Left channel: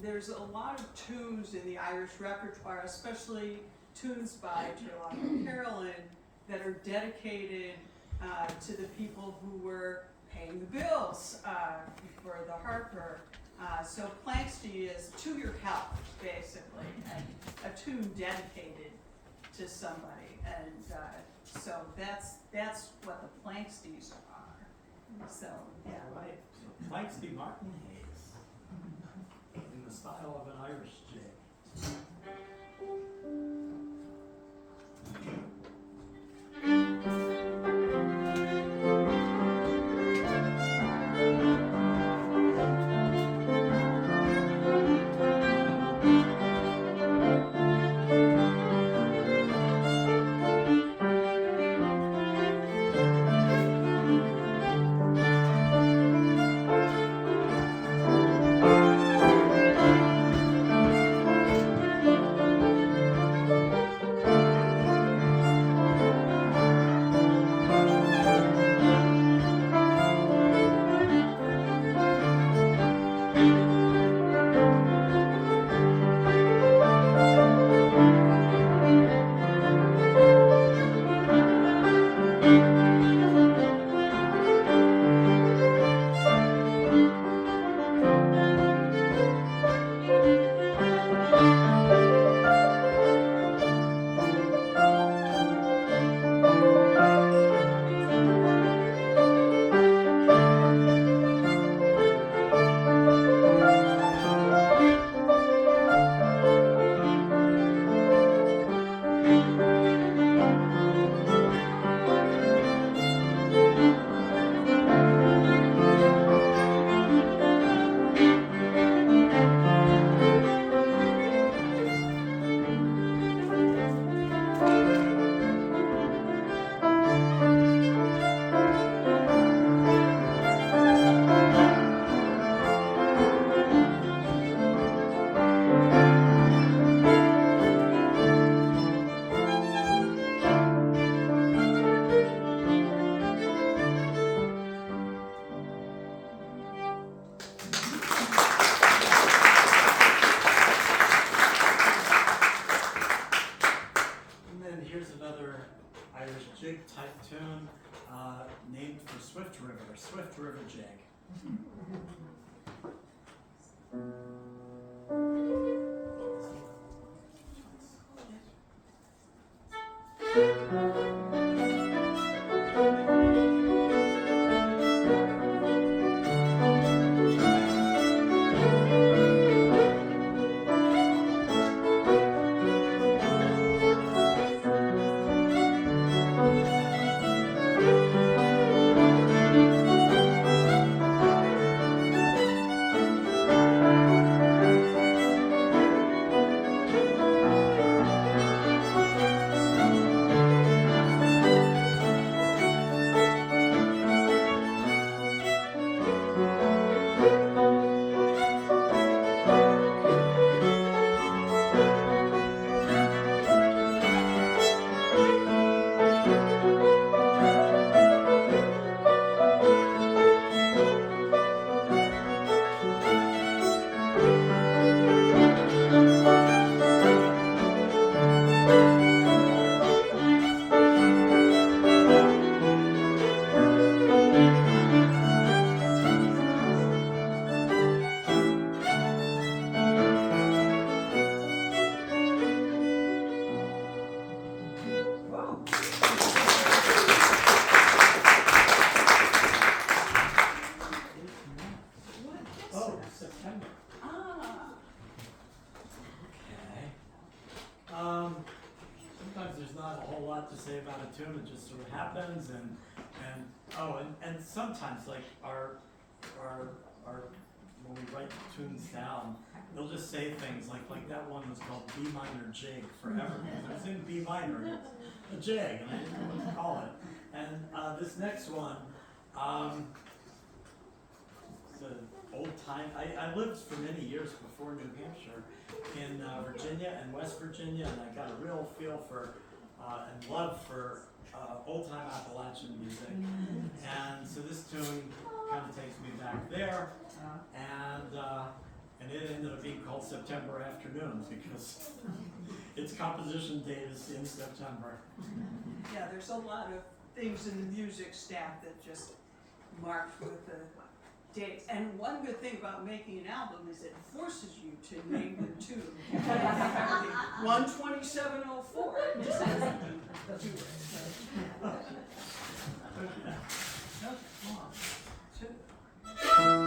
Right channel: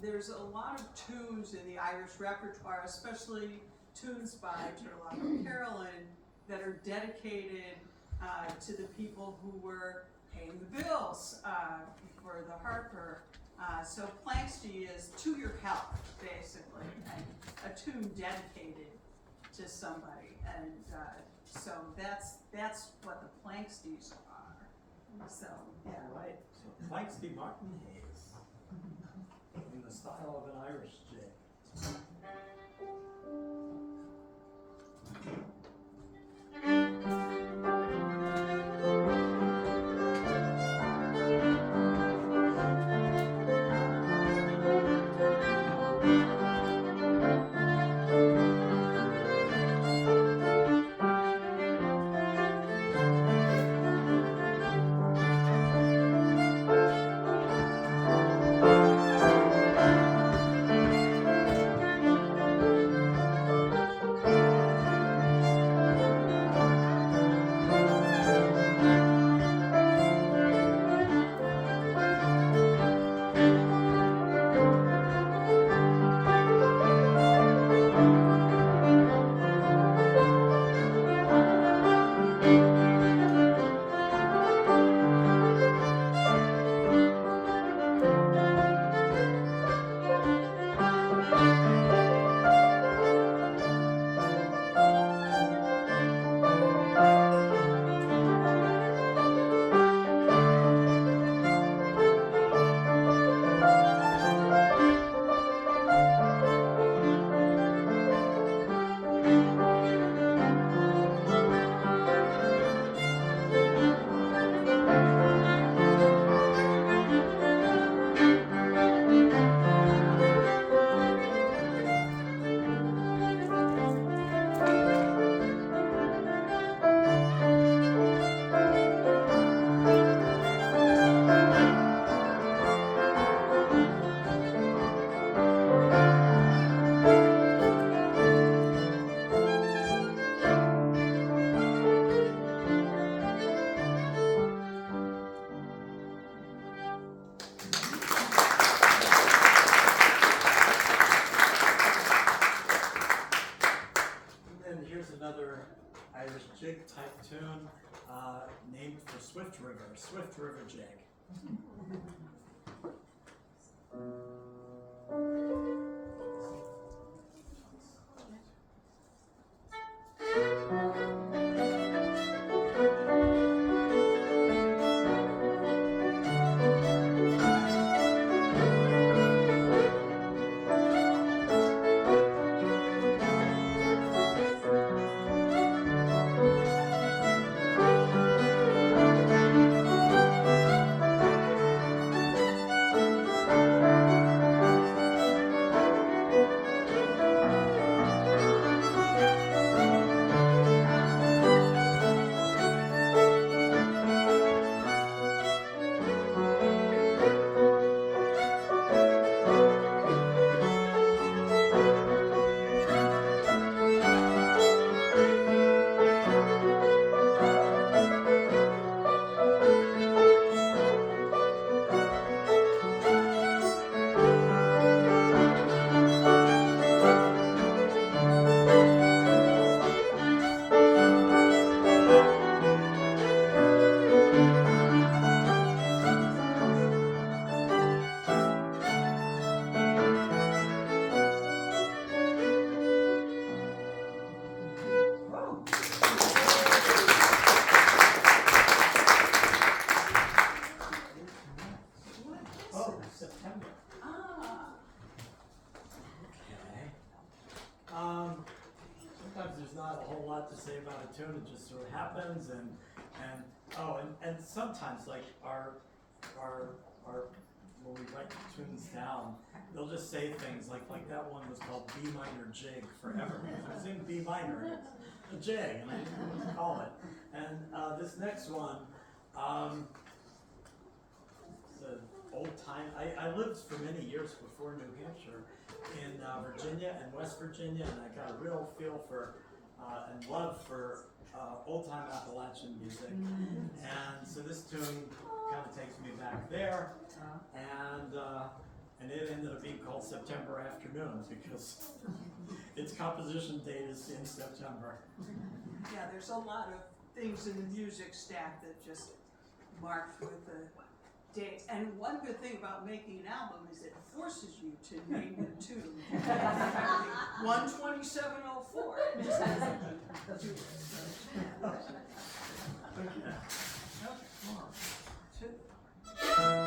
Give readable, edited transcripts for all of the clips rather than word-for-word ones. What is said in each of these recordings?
there's a lot of tunes in the Irish repertoire, especially tunes by Turlough and Carolyn, that are dedicated to the people who were paying the bills for the Harper. So Planxty is to your health, basically, and a tune dedicated to somebody. And so that's what the Planxties are. So, yeah. All right. So Planxty Martin Hayes, in the style of an Irish jig. Irish jig type tune named for Swift River Jig. Say about a tune, it just sort of happens, and sometimes like our when we write tunes down, they'll just say things like that one was called B minor jig forever because it was in B minor, a jig, and I didn't know what to call it. And this next one, it's an old time. I lived for many years before New Hampshire in Virginia and West Virginia, and I got a real feel for and love for old-time Appalachian music. And so this tune kind of takes me back there, and it ended up being called September Afternoons because its composition date is in September. Yeah, there's a lot of things in the music staff that just marked with the dates. And one good thing about making an album is it forces you to name the tune. 12704. It just doesn't do it. Okay. One, two.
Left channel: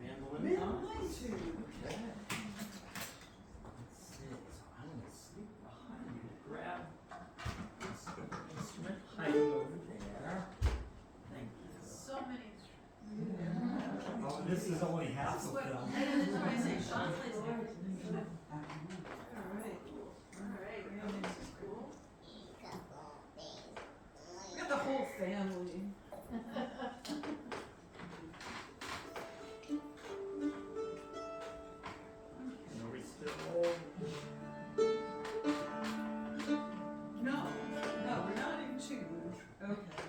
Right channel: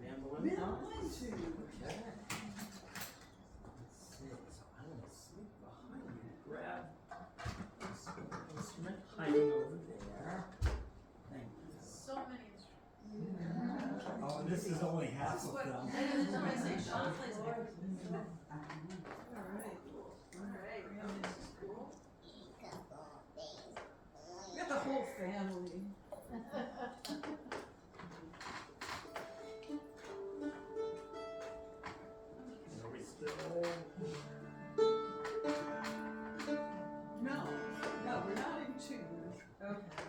Mandolin time? Mandolin tune. Okay. Let's see. So I'm gonna sneak behind you to grab this instrument hiding over there. Thank you. So many. Oh, this is only half of them. And then I say Sean plays everything. Alright. Alright, this is cool. We got the whole family. And are we still? No, we're not in tune. Okay.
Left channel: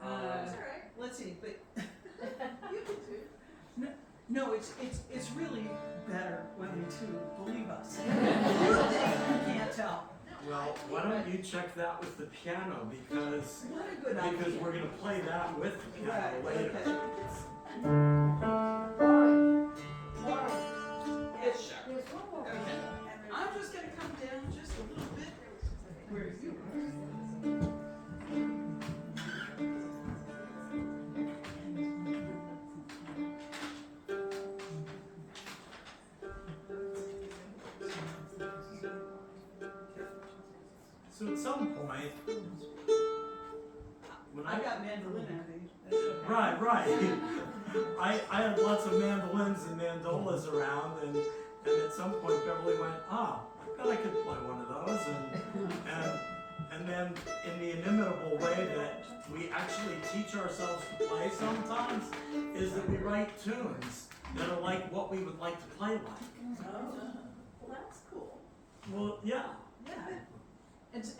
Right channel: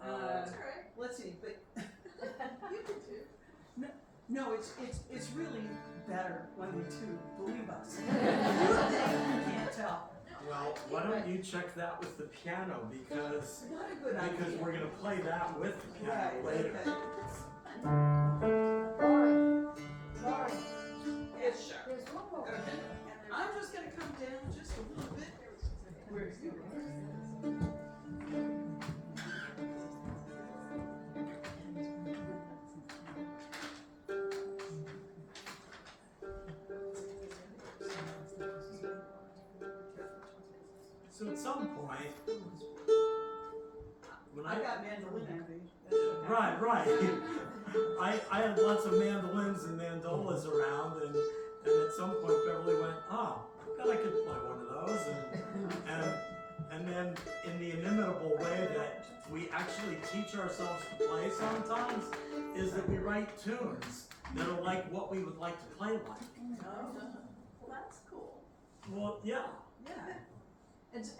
That's alright. Let's see, but You can do. no, it's really better when we tune, believe us. You think you can't tell. Well, why don't you check that with the piano because What a good idea. because we're gonna play that with the piano Right, later. okay. It's okay. I'm just gonna come down just a little bit where you are. So at some point, when I got mandolin envy. That's okay. right. I had lots of mandolins and mandolas around, and at some point Beverly went, oh, I bet I could play one of those, and then in the inimitable way that we actually teach ourselves to play sometimes, is that we write tunes that are like what we would like to play like. Oh, well, that's cool. Well, yeah. Yeah.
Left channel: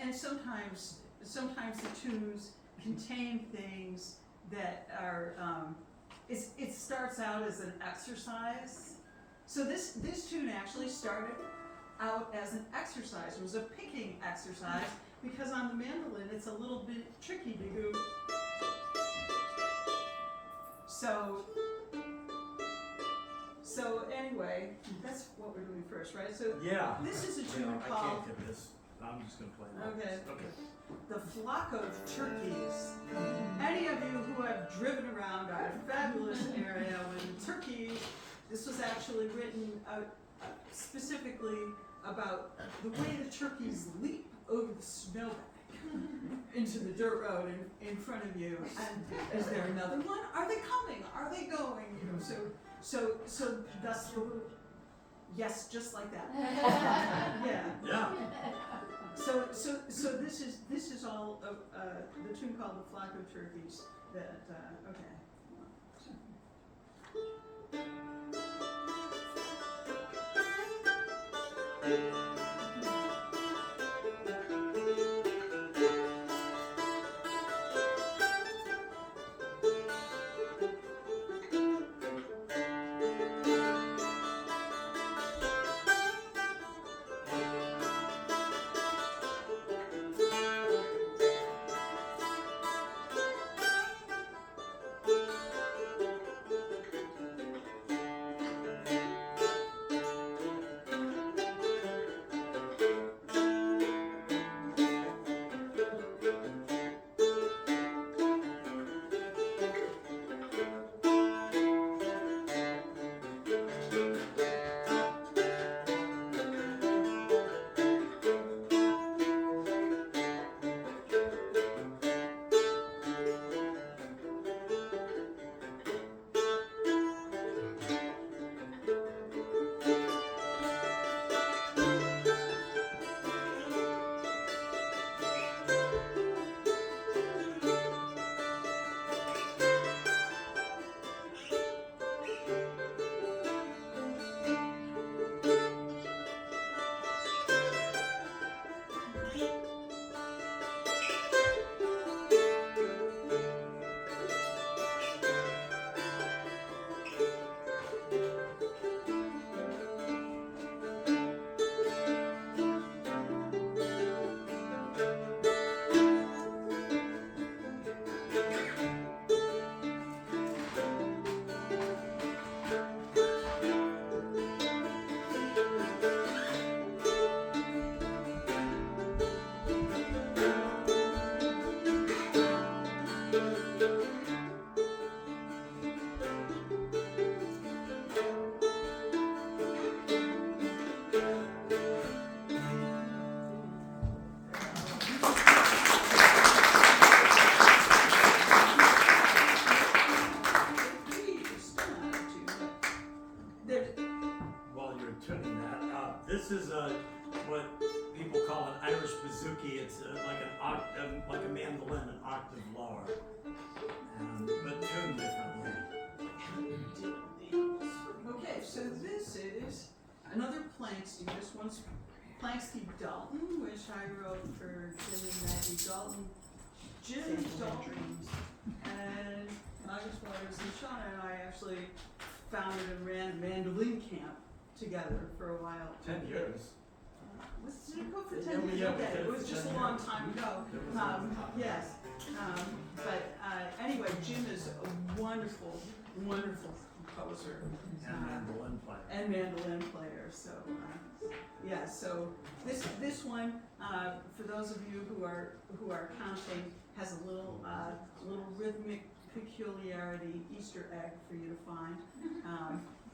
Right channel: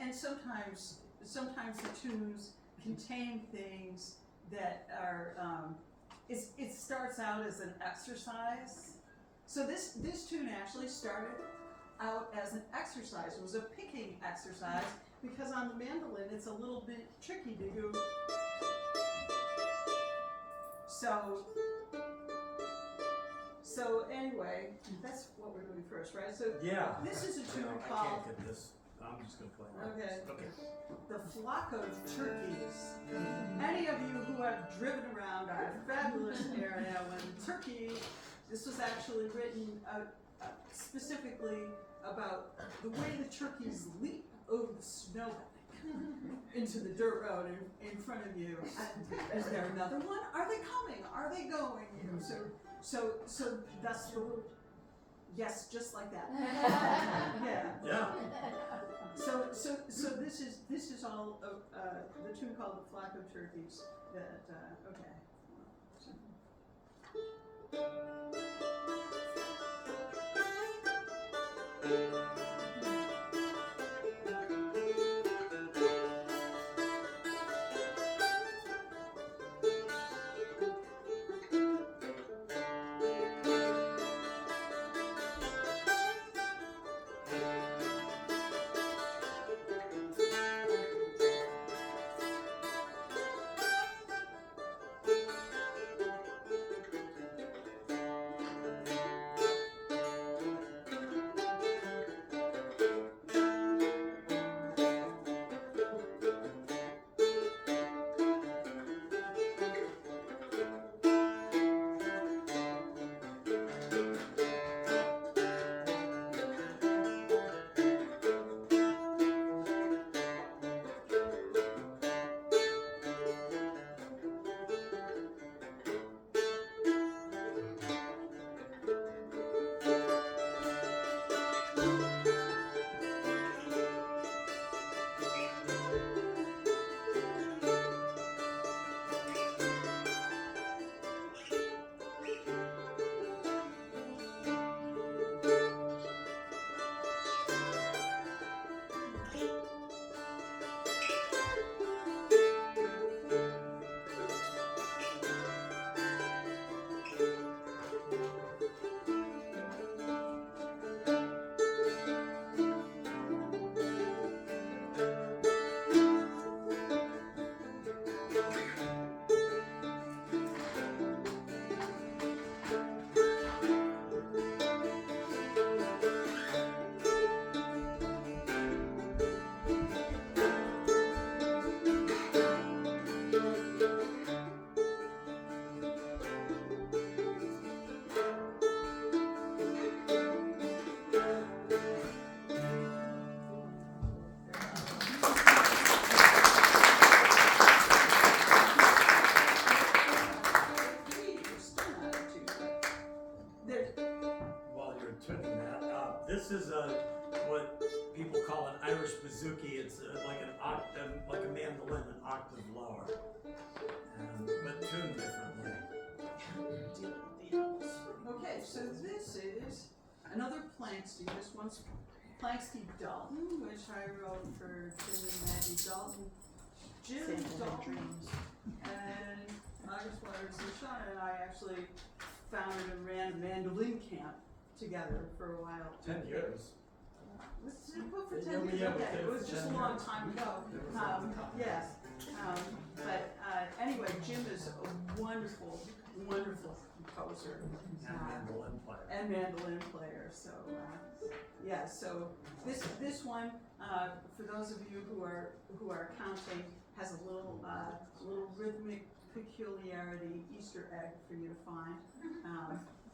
And sometimes the tunes contain things that are, it starts out as an exercise. So this tune actually started out as an exercise. It was a picking exercise because on the mandolin it's a little bit tricky to go. So anyway, that's what we're doing first, right? So Yeah. this is a You tune know, I called can't get this. I'm just gonna play it. Okay. Okay. The Flock of Turkeys. Any of you who have driven around our fabulous area when turkey, this was actually written specifically about the way the turkeys leap over the snowbank into the dirt road in front of you. And is there another one? Are they coming? Are they going? You know, so that's the yes, just like that. Yeah. Yeah. So this is all of the tune called "The Flock of Turkeys." That okay. While you're tuning that, this is what people call an Irish bouzouki. It's like an octave, like a mandolin, an octave lower, but tuned differently. Okay, so this is another Planksty. This one's Planksty Dalton, which I wrote for Jim and Maggie Dalton. Jim Dalton and August Waters and Shauna and I actually founded and ran a mandolin camp together for a while. 10 years. Was it go for Yeah, 10 years? yeah, we Okay, did it it was for just 10 a long years. time ago. There was a long time. Yes. But anyway, Jim is a wonderful, wonderful composer. And mandolin player. And mandolin player. So yeah. So this one, for those of you who are counting, has a little rhythmic peculiarity Easter egg for you to find.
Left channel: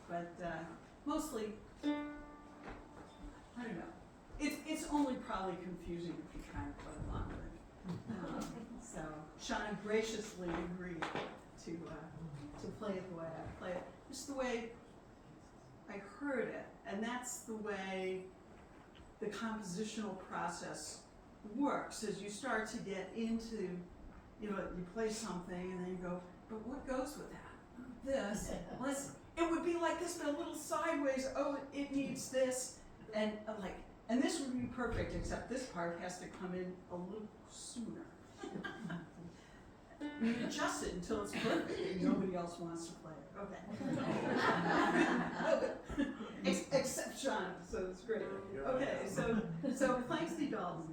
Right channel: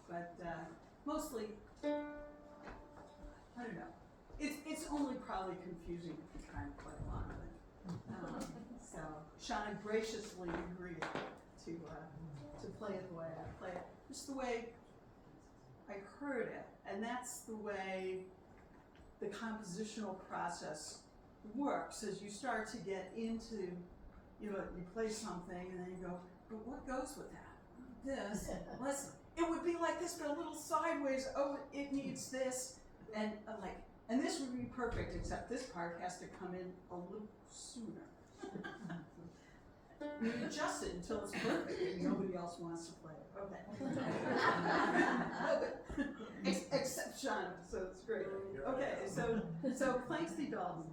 But mostly, I don't know. It's only probably confusing if you're trying to play along with it. So Shauna graciously agreed to play it the way I play it, just the way I heard it, and that's the way the compositional process works. As you start to get into, you play something and then you go, but what goes with that? This. It would be like this, but a little sideways. Oh, it needs this, and and this would be perfect, except this part has to come in a little sooner. You adjust it until it's perfect, and nobody else wants to play it. Okay. Except Shauna, so it's great. Okay, so Planksty Dalton.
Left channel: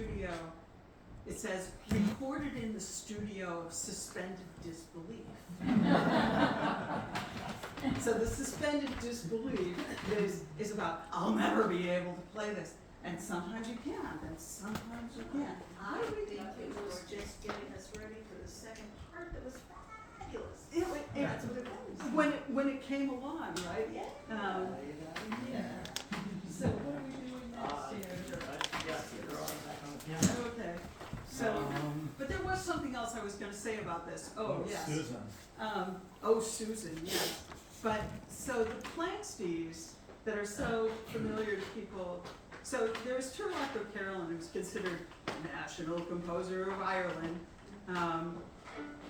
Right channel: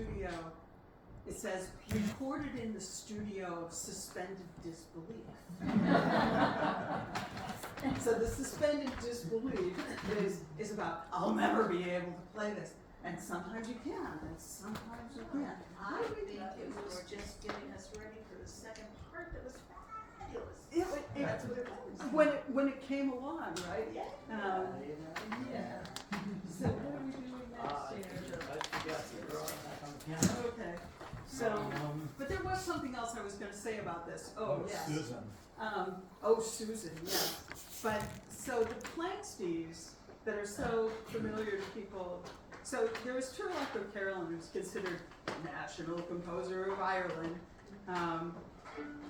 studio, it says recorded in the studio of suspended disbelief. So the suspended disbelief is about, I'll never be able to play this. And sometimes you can, and sometimes you can't. I think it was just getting us ready for the second part that was fabulous. That's what it was. When it came along, right? Yeah. Yeah. So what are we doing next here? Yes, you're on the piano. Okay, so, but there was something else I was gonna say about this. Oh, yes. Susan. Susan, yes. But, so the Plank Steves that are so familiar to people, so there was Turlough O'Carolan, who's considered national composer of Ireland.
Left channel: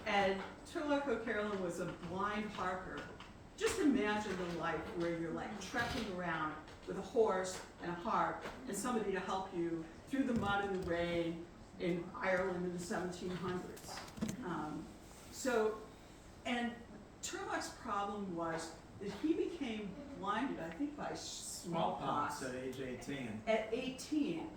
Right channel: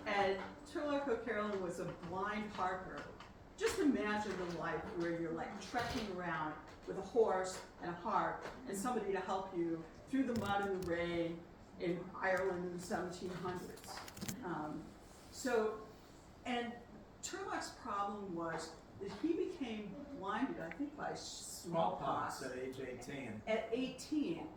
And Turlough O'Carolan was a blind harper. Just imagine the life where you're like trekking around with a horse and a harp and somebody to help you through the mud and the rain in Ireland in the 1700s. And Turlough's problem was that he became blinded, I think, by smallpox At age 18. at 18.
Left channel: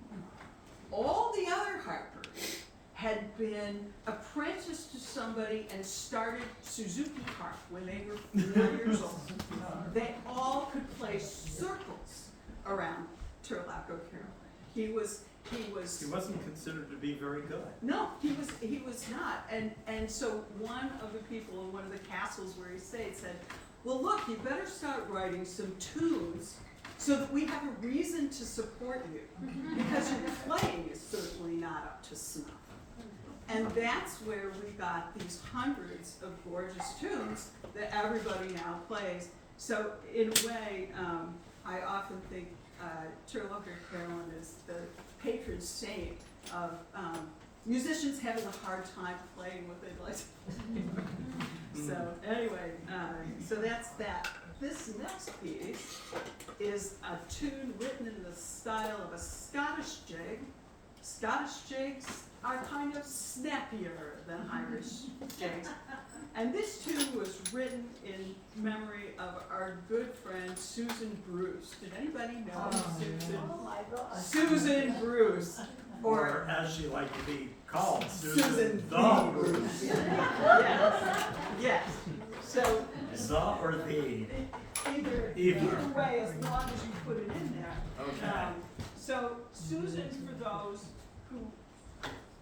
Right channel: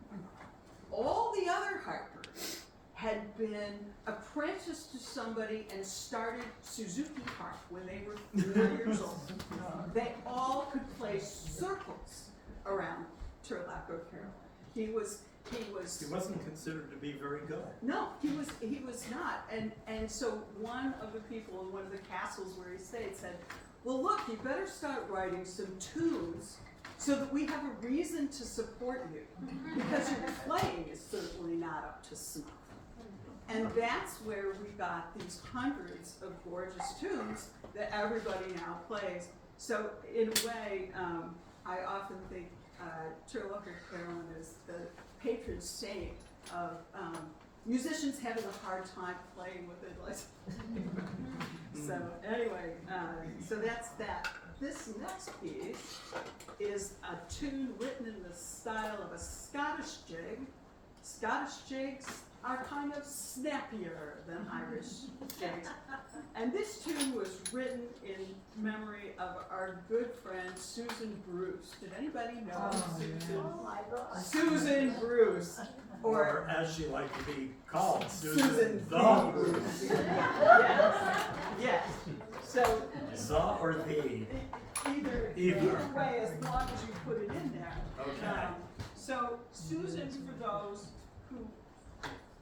All the other harpers had been apprenticed to somebody and started Suzuki harp when they were 4 years old. They all could play circles around Turlough O'Carolan. He wasn't considered to be very good. no, he was not. And so one of the people in one of the castles where he stayed said, well, look, you better start writing some tunes so that we have a reason to support you, because your playing is certainly not up to snuff. And that's where we got these hundreds of gorgeous tunes that everybody now plays. So in a way, I often think Turlough O'Carolan is the patron saint of musicians having a hard time playing what they'd like to play. So anyway, so that's that. This next piece is a tune written in the style of a Scottish jig. Scottish jigs are kind of snappier than Irish jigs. And this tune was written in memory of our good friend Susan Bruce. Did anybody know Susan? Oh my God. Susan Bruce. Or as she liked to be called, Susan the Bruce. Yes, yes. So The or the? either way, as long as you put it in there. Okay. So Susan, for those who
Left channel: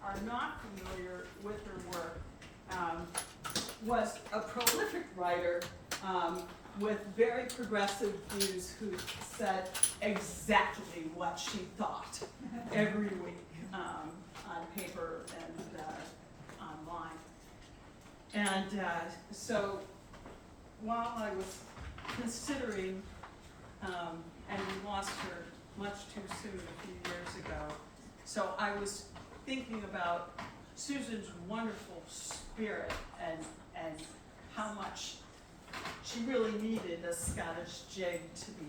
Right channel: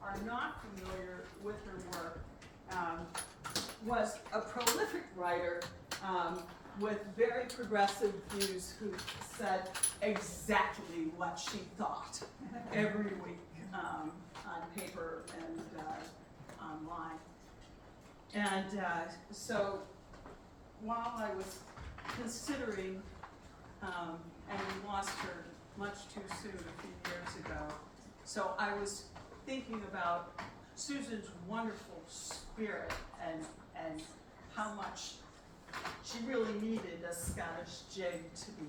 are not familiar with her work, was a prolific writer with very progressive views, who said exactly what she thought every week on paper and online. And so while I was considering, and we lost her much too soon a few years ago, so I was thinking about Susan's wonderful spirit and how much she really needed a Scottish jig to be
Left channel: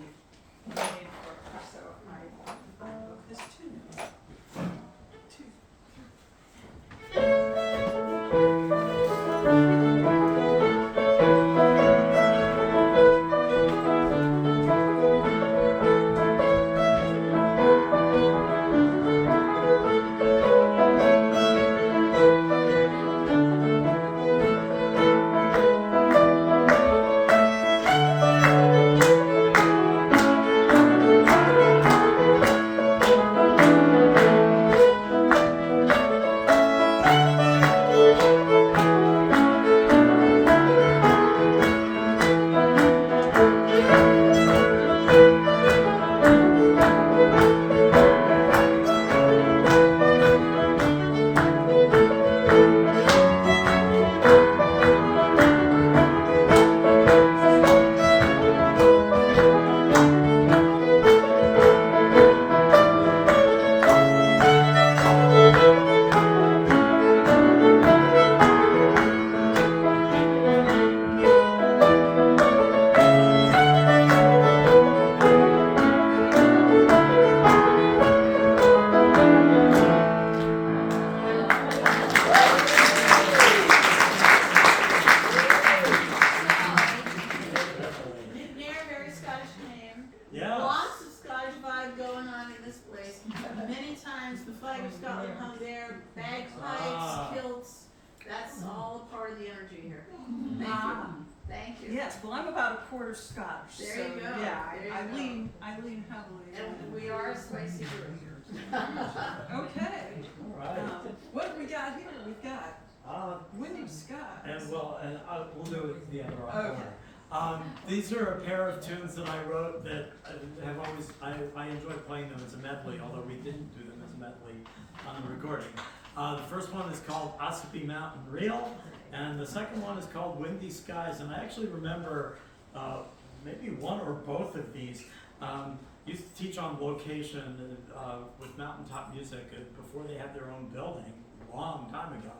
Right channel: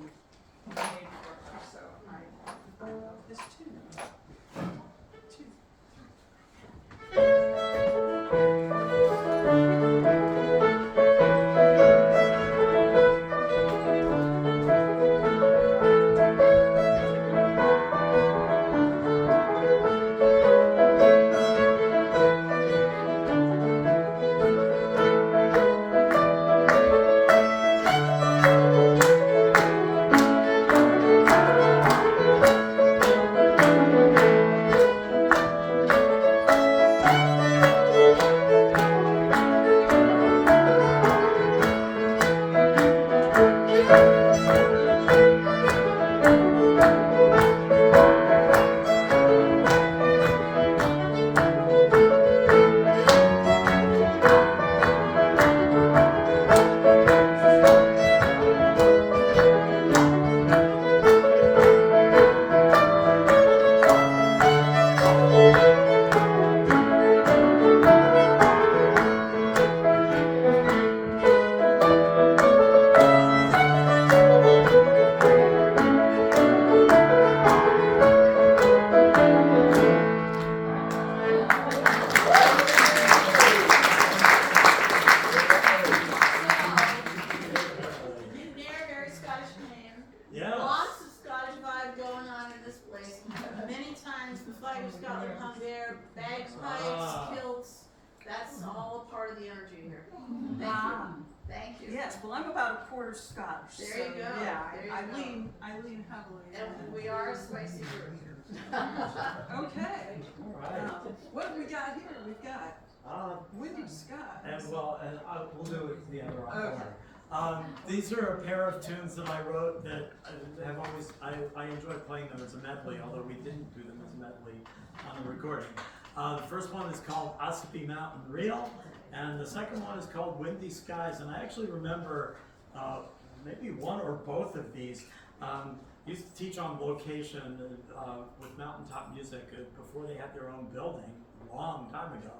made for her. So I wrote this tune. that hung there, bagpipes, Ah. kilts, that's all a part of the energy here. Thank Ah. you, thank you. Yes, well, I'm about a quarter Scottish, so, There you go, yeah, there I you go. I lean heavily on And we are a spicy group. Okay, All right. what have we got here? We've got Windy Skies. And we'll do it the other Okay. order. These are a pair of tunes that I wrote that have always, I enjoy playing them as a medley, although we didn't do them as a medley on the recording. The first one is called Ossipee Mountain Reel, and the second one is called Windy Skies, and I actually remember maybe one or both of these. Used to teach on location with mountaintop music before they had their own building, a long time ago.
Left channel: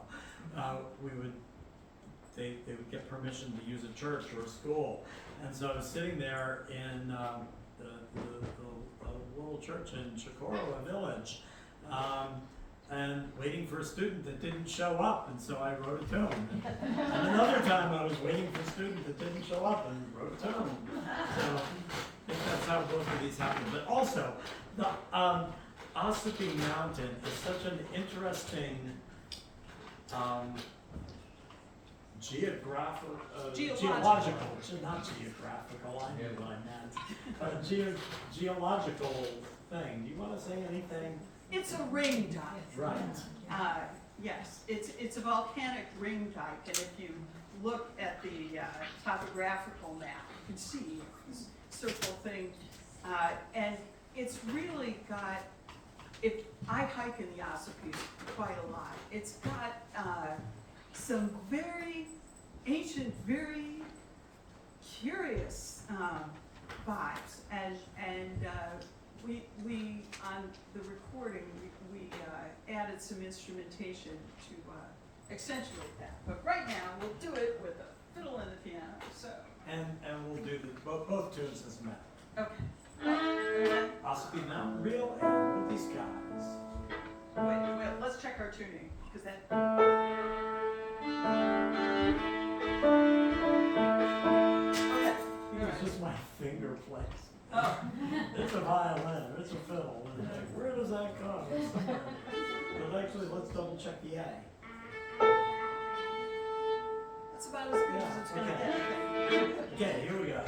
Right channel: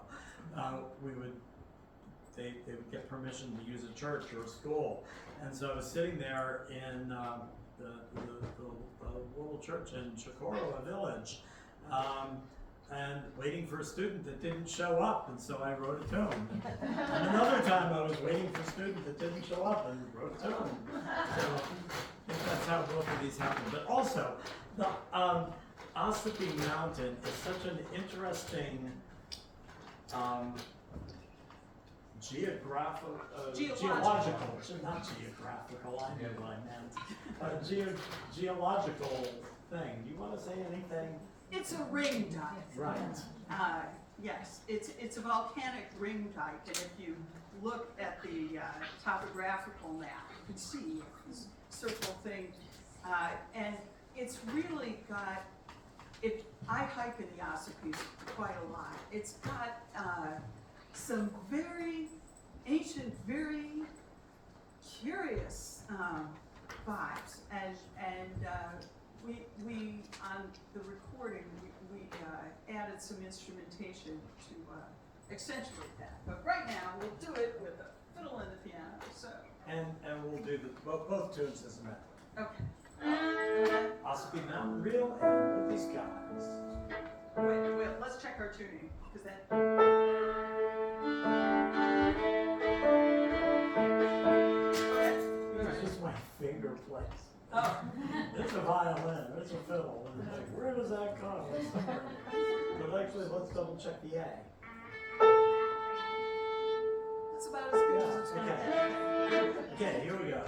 They would get permission to use a church or a school. And so I was sitting there in the little church in Chicoroa Village, and waiting for a student that didn't show up, and so I wrote a tune. And another time I was waiting for a student that didn't show up and wrote a tune. So I think that's how both of these happened. But also, the Ossipee Mountain is such an interesting geological, not geographical, I knew what I meant. Geological thing. Do you want to say anything? It's a ring dike. Right. Yes, it's a volcanic ring dike, and if you look at the topographical map, you can see this circle thing, and it's really got, if I hike in the Ossapees quite a lot, it's got some very ancient, very curious vibes, and we on the recording we added some instrumentation to accentuate that. But right now we'll do it with a fiddle and a piano. So And we'll do both tunes as a medley. okay. Ossipee Mountain Reel and Windy Skies. Wait, let's check our tuning because that. Okay. It's just my finger plays. Oh. It's a violin, or it's a fiddle, and it's like, where does that come? It's somewhere. But actually, let's double check the A. That's about as good as it's gonna get. Okay, here we go.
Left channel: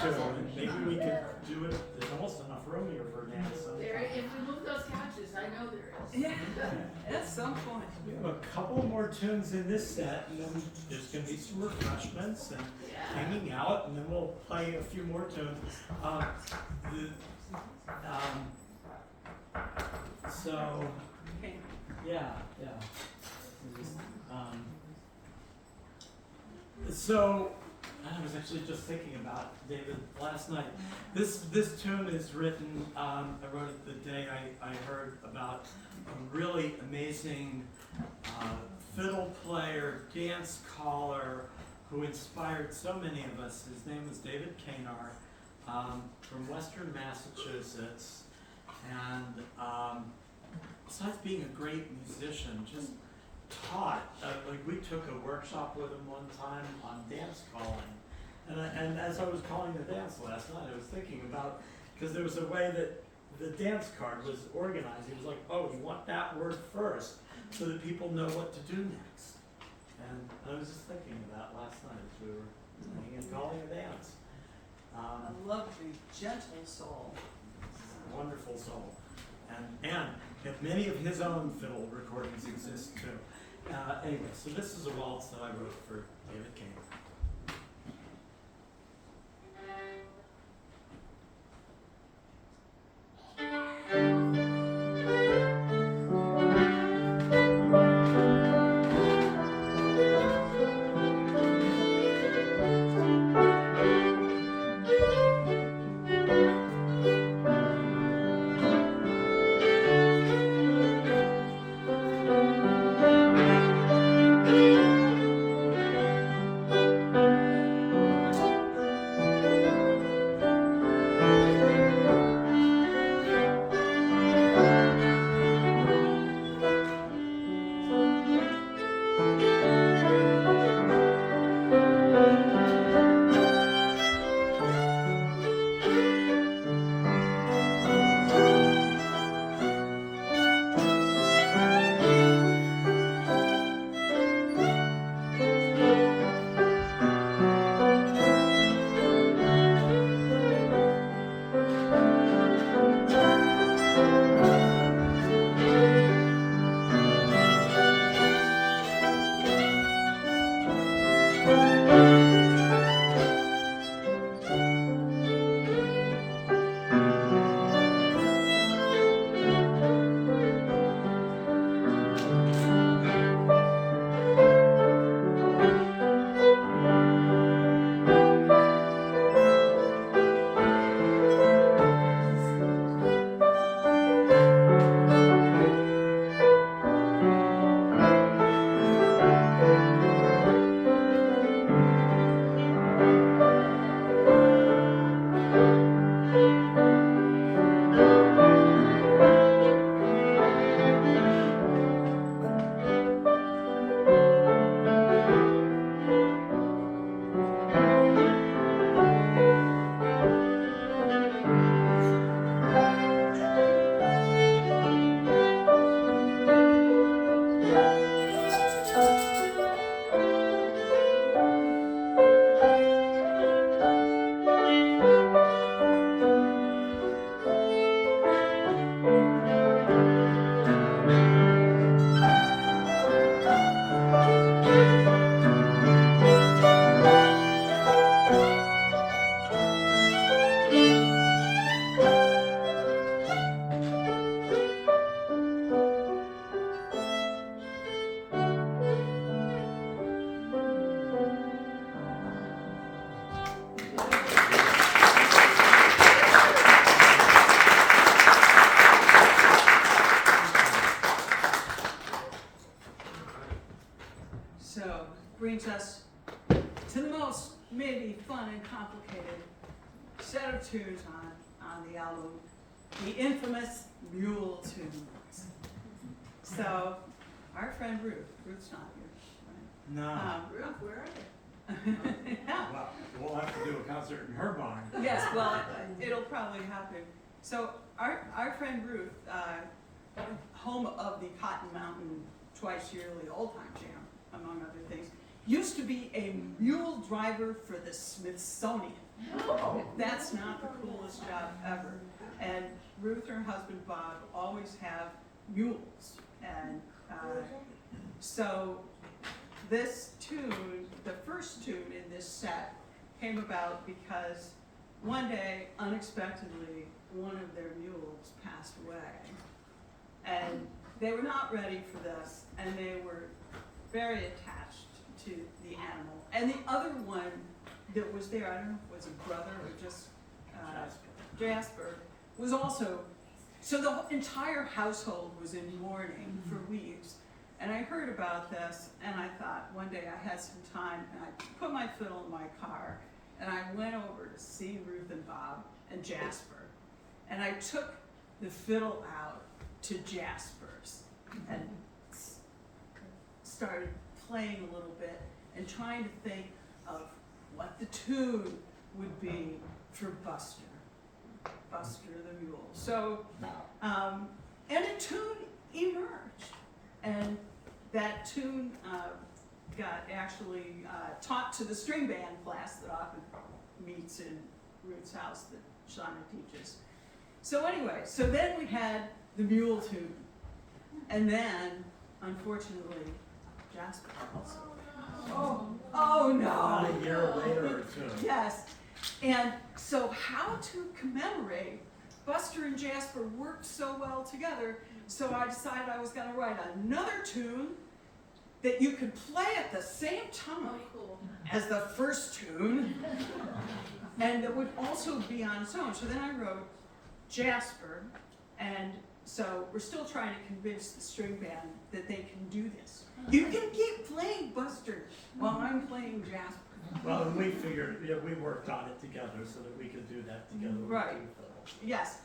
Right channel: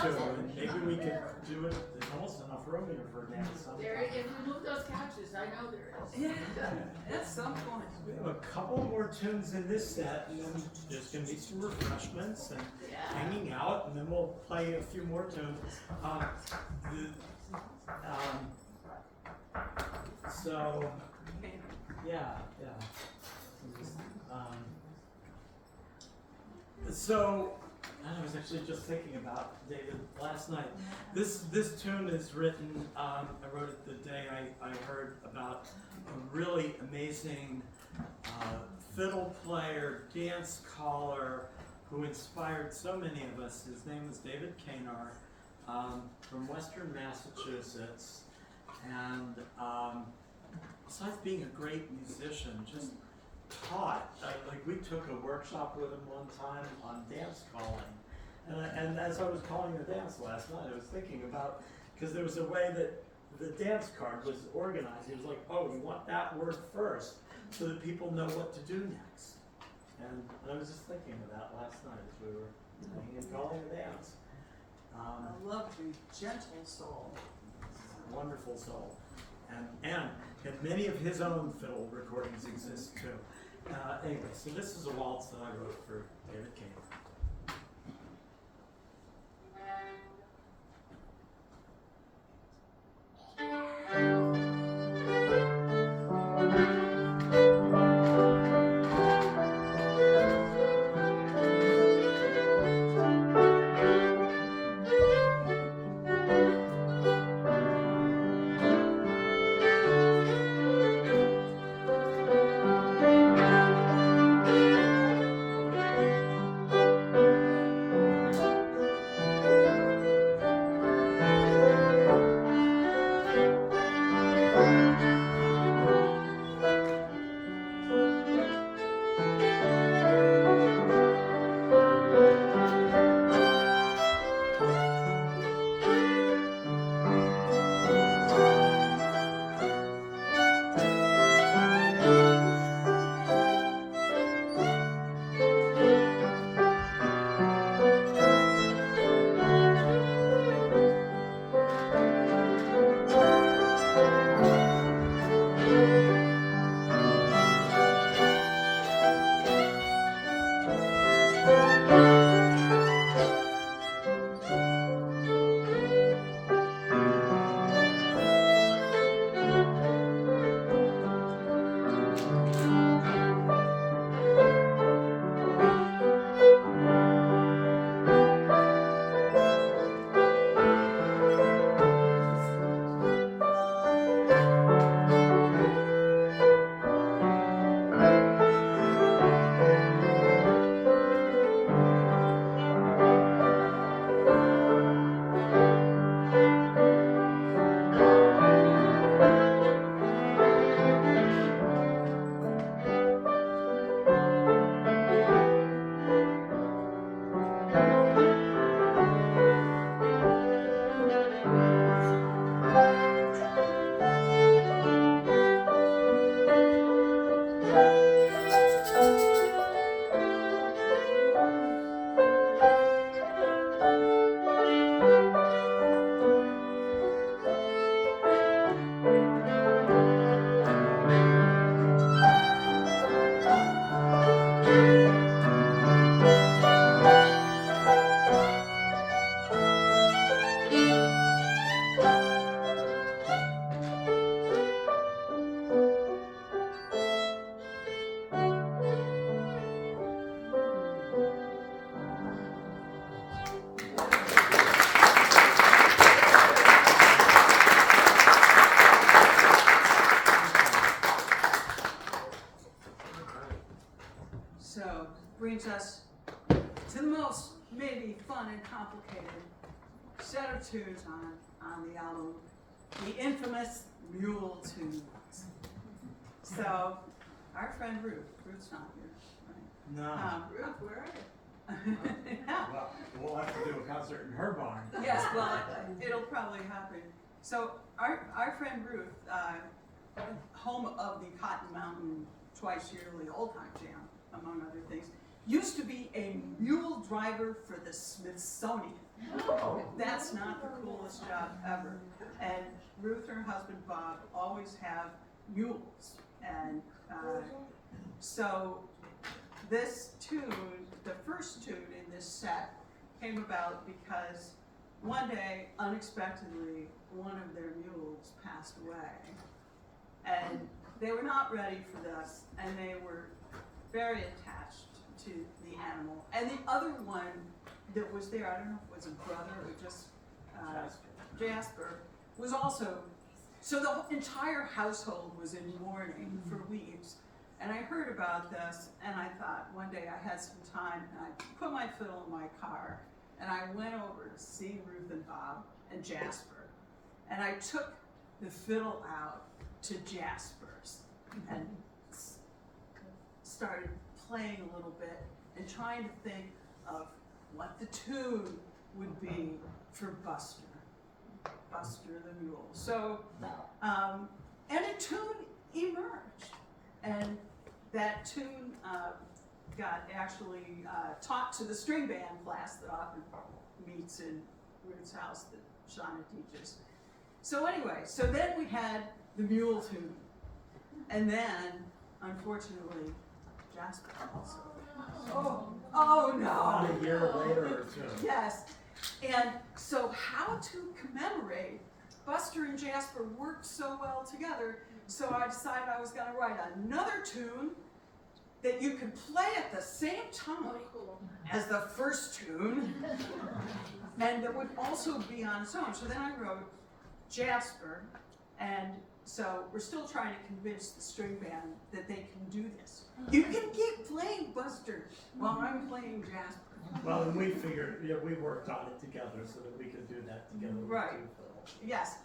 to, and maybe we could do it, there's almost enough room here for a dance There, sometime. if we move those couches, I know there is. Yeah, at some point. We have a couple more tunes in this set, and then there's gonna be some refreshments and Yeah. hanging out, and then we'll play a few more tunes. So, Okay. yeah. So, I was actually just thinking about David last night. This tune is written. I wrote it the day I heard about a really amazing fiddle player, dance caller who inspired so many of us. His name was David Kanar from Western Massachusetts, and besides being a great musician, just taught. Like we took a workshop with him one time on dance calling, and as I was calling the dance last night, I was thinking about, because there was a way that the dance card was organized. It was like, oh, you want that word first so that people know what to do next. And I was just thinking of that last night as we were playing and calling a dance. I love the gentle soul. Wonderful soul. And many of his own fiddle recordings exist too. Anyway, so this is a waltz that I wrote for David King. So, brings us to the most maybe fun and complicated set of tunes on the album, the infamous Mule Tunes. So, our friend Ruth's not here, right? No. Ruth, where are you? Yeah. Well, we'll have to do a concert in her barn. Yes, well, it'll probably happen. So our friend Ruth, home of the Cotton Mountain twice yearly old time jam, among other things, used to be a mule driver for the Smithsonian. That's not the coolest job ever. And Ruth and her husband Bob always have mules. And so this tune, the first tune in this set, came about because one day, unexpectedly, one of their mules passed away. And they were not ready for this, and they were very attached to the animal. And the other one that was there, I don't know if it was a brother or just Jasper, was also, so the entire household was in mourning for weeks. And I heard about this, and I thought one day I had some time, and I put my fiddle in my car, and I went over to see Ruth and Bob and Jasper. And I took the fiddle out to Jasper's and started playing a little bit and trying to think of what the tune would be for Buster the mule. So, and a tune emerged, and that tune got actually taught to the string band class that often meets in Ruth's house that Shauna teaches. So anyway, so then we had the mule tune, and then, unfortunately, Jasper also. Oh no! About a year later or two. Yes, and so how to commemorate Buster and Jasper worked so well together, so I decided I was going to write another tune that you could play at the same time as the first tune, and that would also be on its own. So then I wrote Jasper, and so we're still trying to convince the string band that they can do this. You can keep playing Buster while I'm playing Jasper. Well, and we figured, we worked on it together so that we could do that together. with Right. two fiddles. Yes,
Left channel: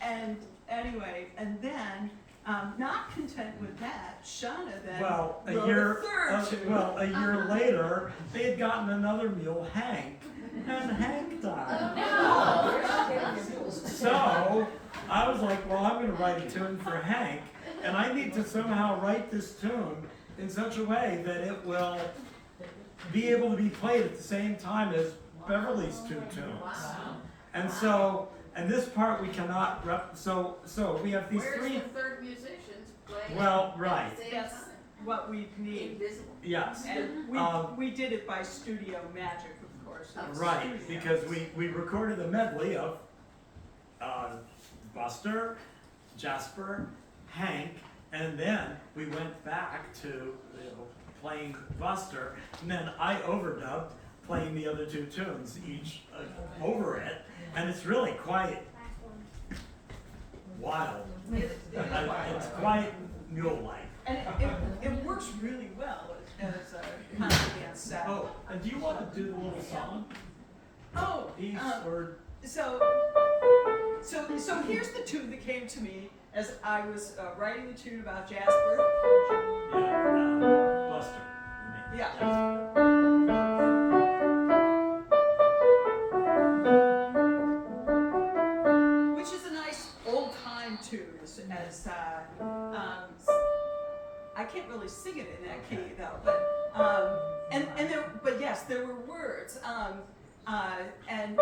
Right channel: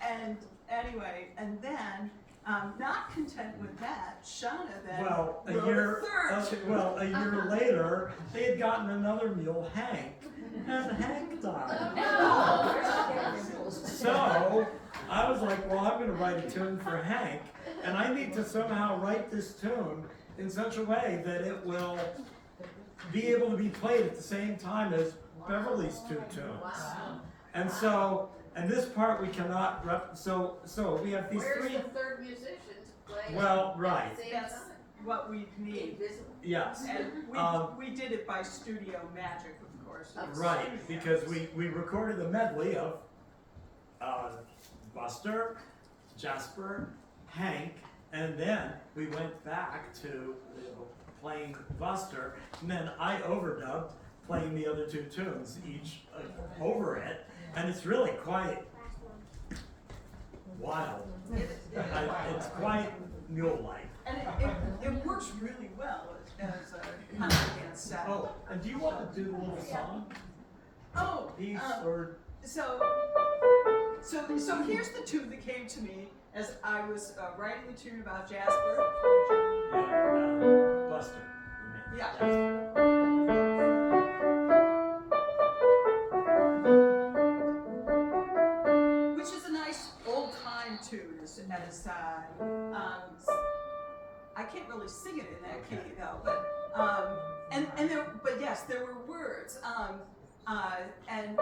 and anyway, and then, not content with that, Shauna then Well, a wrote year, a third tune. well, a year later, they had gotten another mule, Hank, and Hank died. So I was like, well, I'm going to write a tune for Hank, and I need to somehow write this tune in such a way that it will be able to be played at the same time as Beverly's two tunes. And so, and this part we cannot so we have these Where's three. the third musicians playing Well, right. at the same That's time? what we need. Invisible. Yes. And we did it by studio magic, of course. It's Right, studio. because we recorded a medley of Buster, Jasper, Hank, and then we went back to playing Buster, and then I overdubbed playing the other two tunes each over it, and it's really quite wild. It's quite mule-like. And it works really well as a kind of dance set. Oh, and do you want to do the little song Oh, piece, or? so here's the tune that came to me as I was writing the tune about Jasper. Yeah, Buster. you mean. Yeah. Which is a nice old time tune, as I can't really sing it in that key though, but yes, there were words. And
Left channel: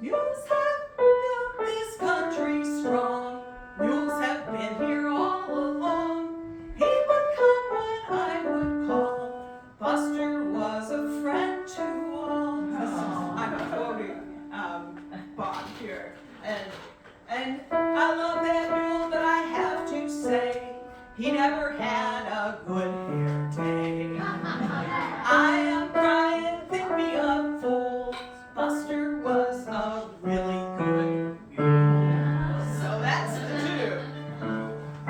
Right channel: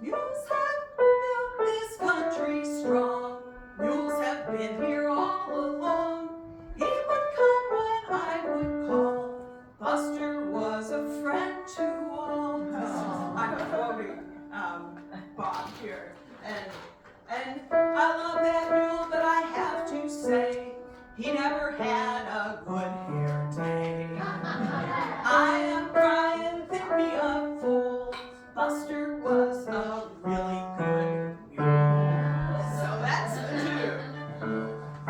mules have built this country strong. Mules have been here all along. He would come when I would call. Buster was a friend to all. I'm quoting Bob here. And I love that mule, but I have to say, he never had a good hair day. I am crying, pick me up, fools. Buster was a really good mule. So that's the tune.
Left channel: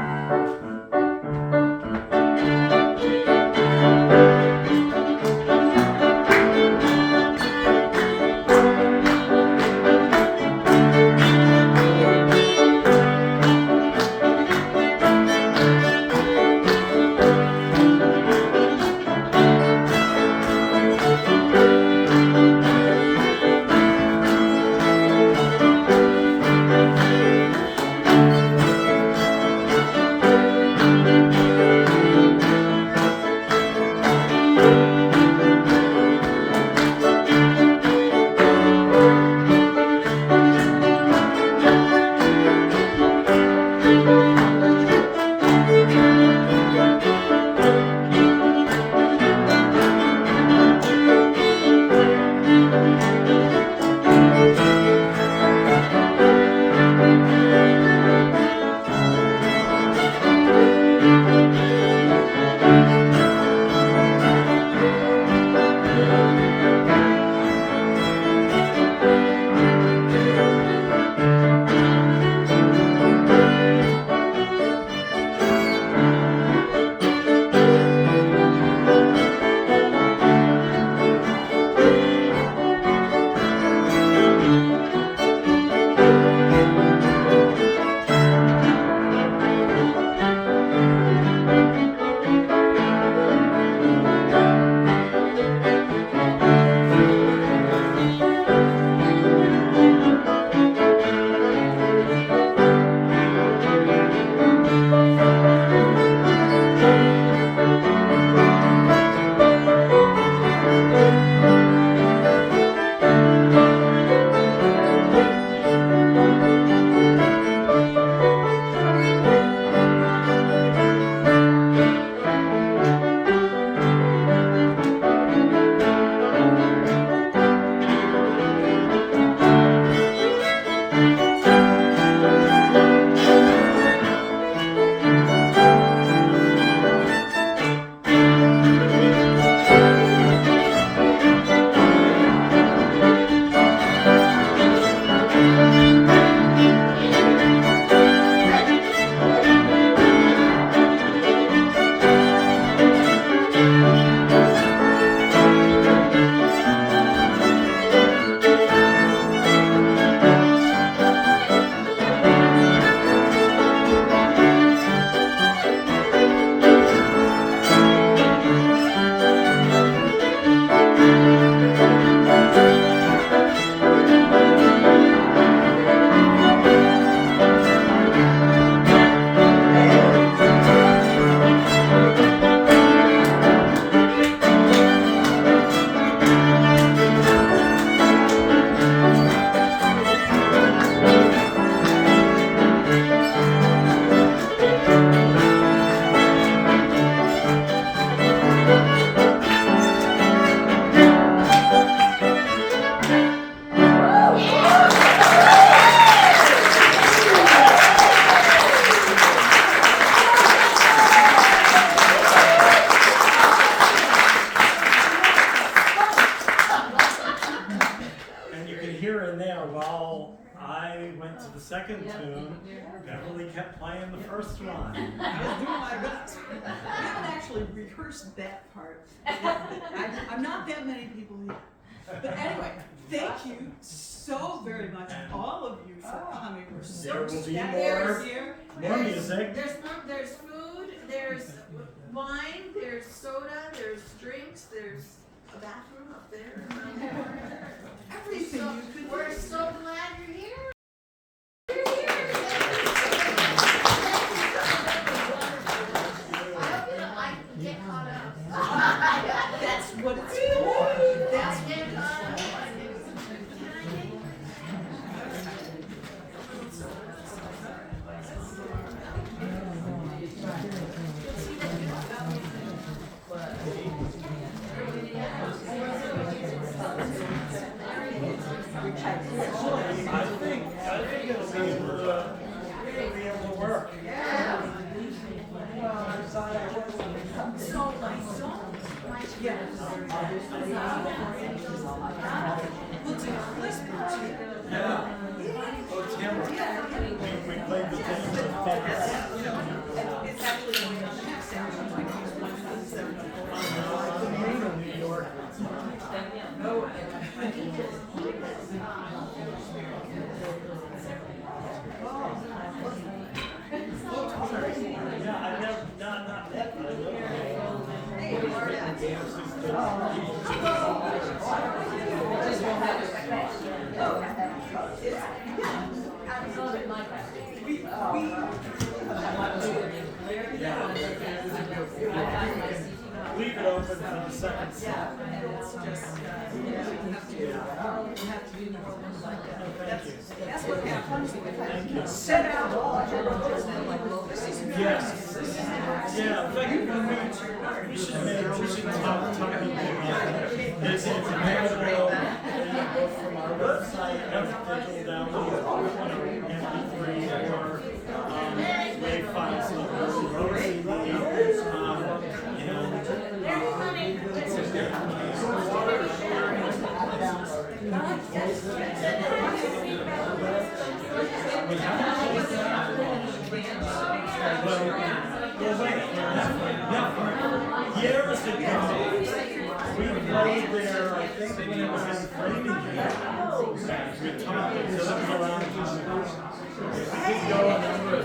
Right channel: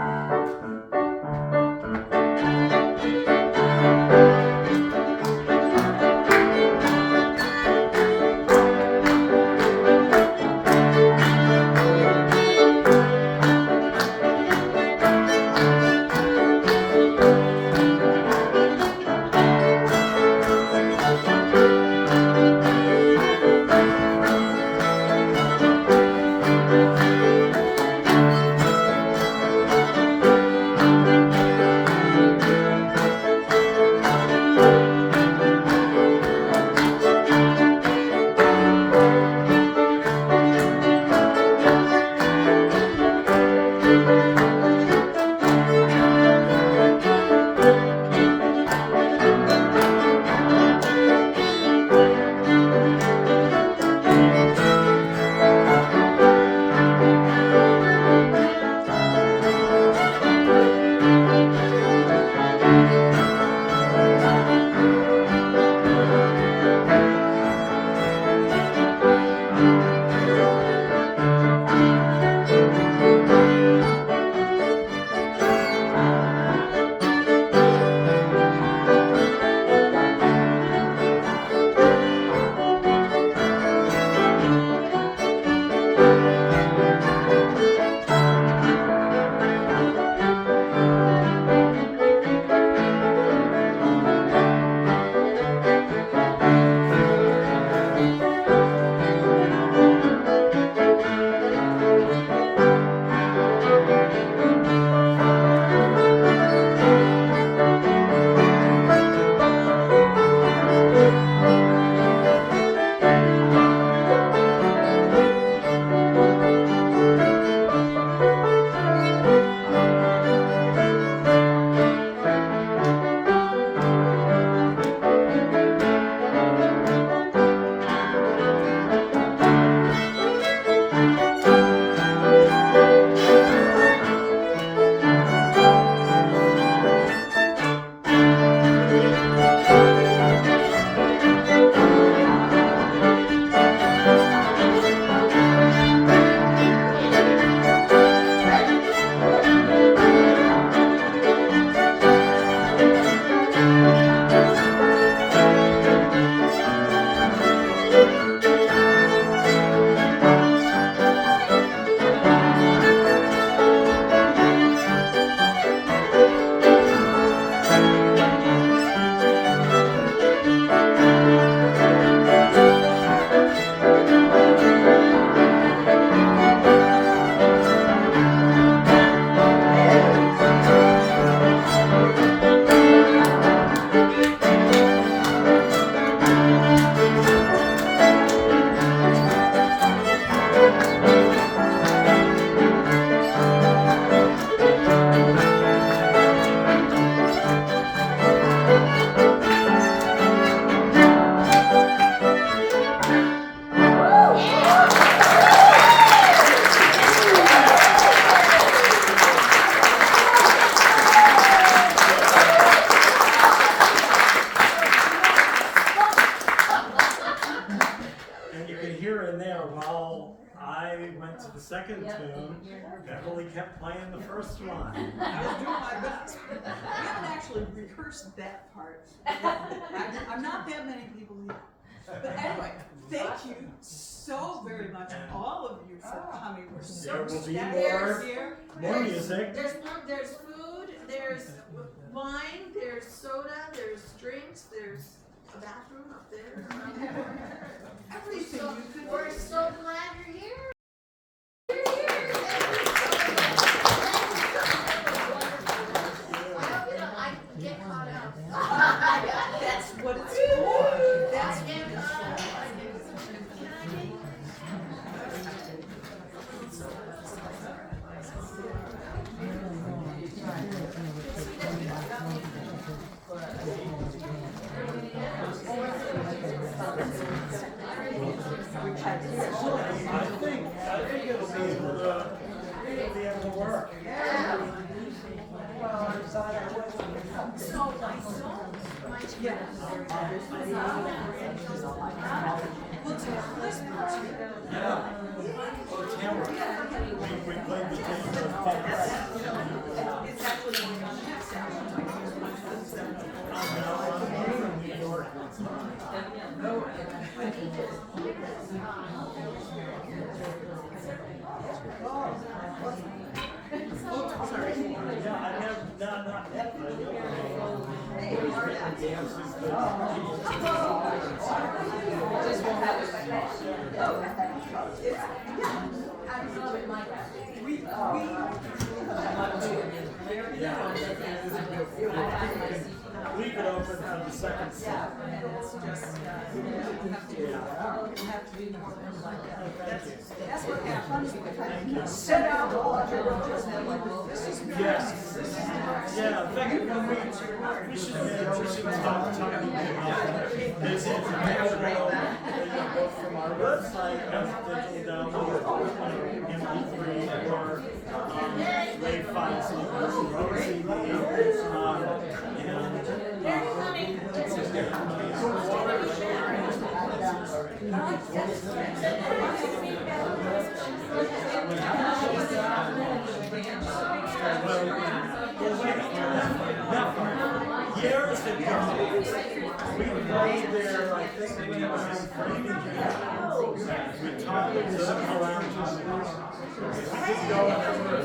So I went to the second tune. Beverly kept playing the first one. I was doing my best. We haven't actually rehearsed that part. I'm not that many people here. But anyway, thank you so very much, all of you, for coming. We're so There will be ecstatic here. more music. There's food, there's wine, there's soda, there's drinks, there's a bathroom up there. Everything you could. We're so glad you're here. I get caught up. That's what it's for. That's I get caught up. I think it'll be able to work. Yeah. We'll take a listen to Yeah. Oh, Tamara. We played the thing with it's actually going on next Saturday, like New York. Yeah, I've never not met leave it open for the second set. That's what happens. Set out all this is very Yes. Yeah, in fact, we should talk about this. It's available both from our website and digital download, MP3 or WAV files, or years ago, we played there, I think, when it was in Framingham. We talked to them around. We did go a number of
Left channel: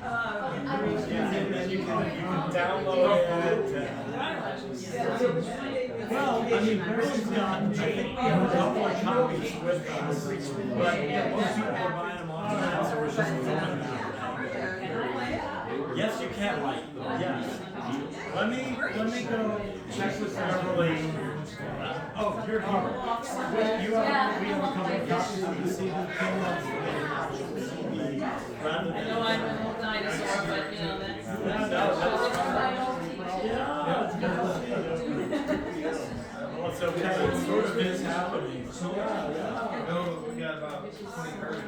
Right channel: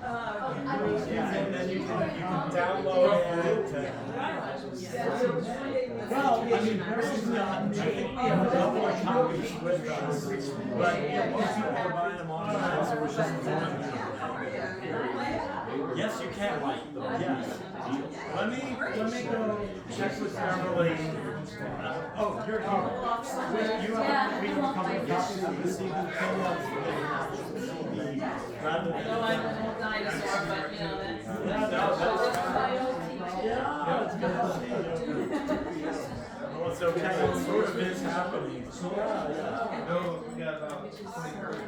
and then you can download it. Well, I mean, Bruce's got, I think we have a couple of copies with us, but most people are buying them online, so we're just doing that. Yes, you can, yes. Let me go check with Beverly. Oh, you're here. We have a couple of copies of the CD. Rather than. No, I'm a dinosaur, but you know that's. Yeah, it's good to see you. Well, it's okay, it sort of is happening. No, we got about 20, 30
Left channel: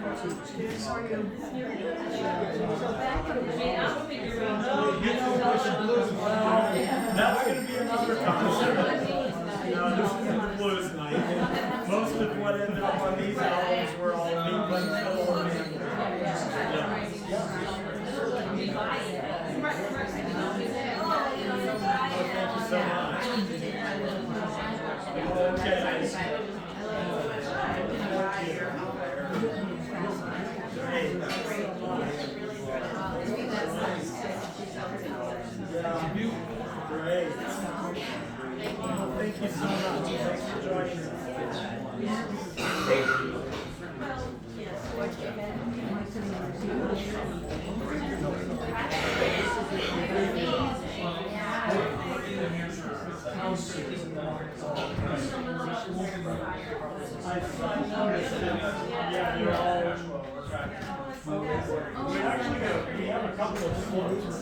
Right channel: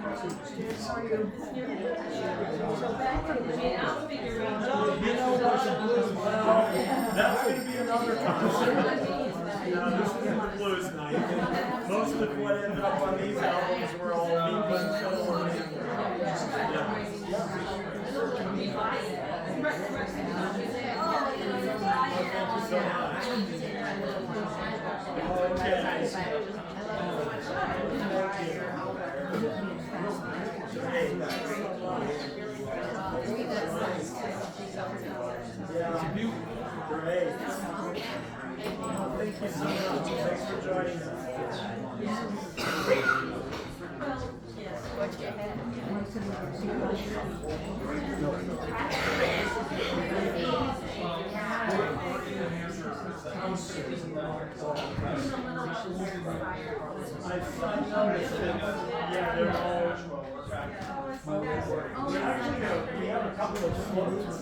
Yeah, I'll figure out. You know, well, that's gonna be another concert. This is the blues night. Most of what ended up on these albums were all England film and thank you so much. Okay. Great. Thank you so much. Thanks for joining We have a couple of floats.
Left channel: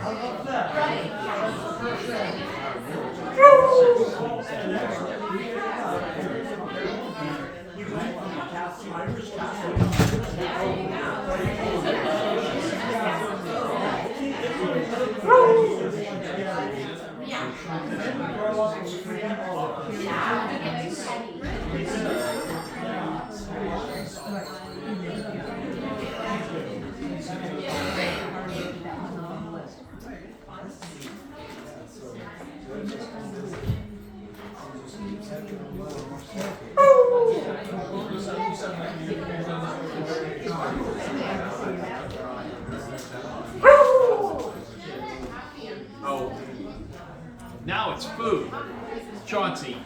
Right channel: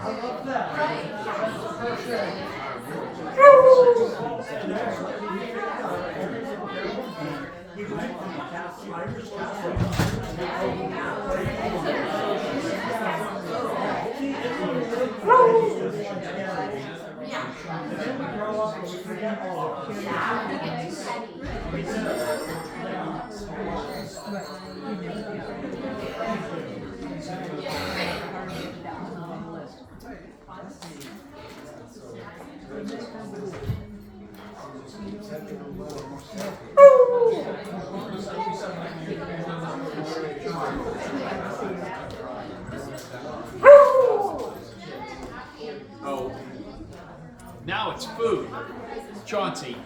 I love that. Oh, now it's food. Chauncey.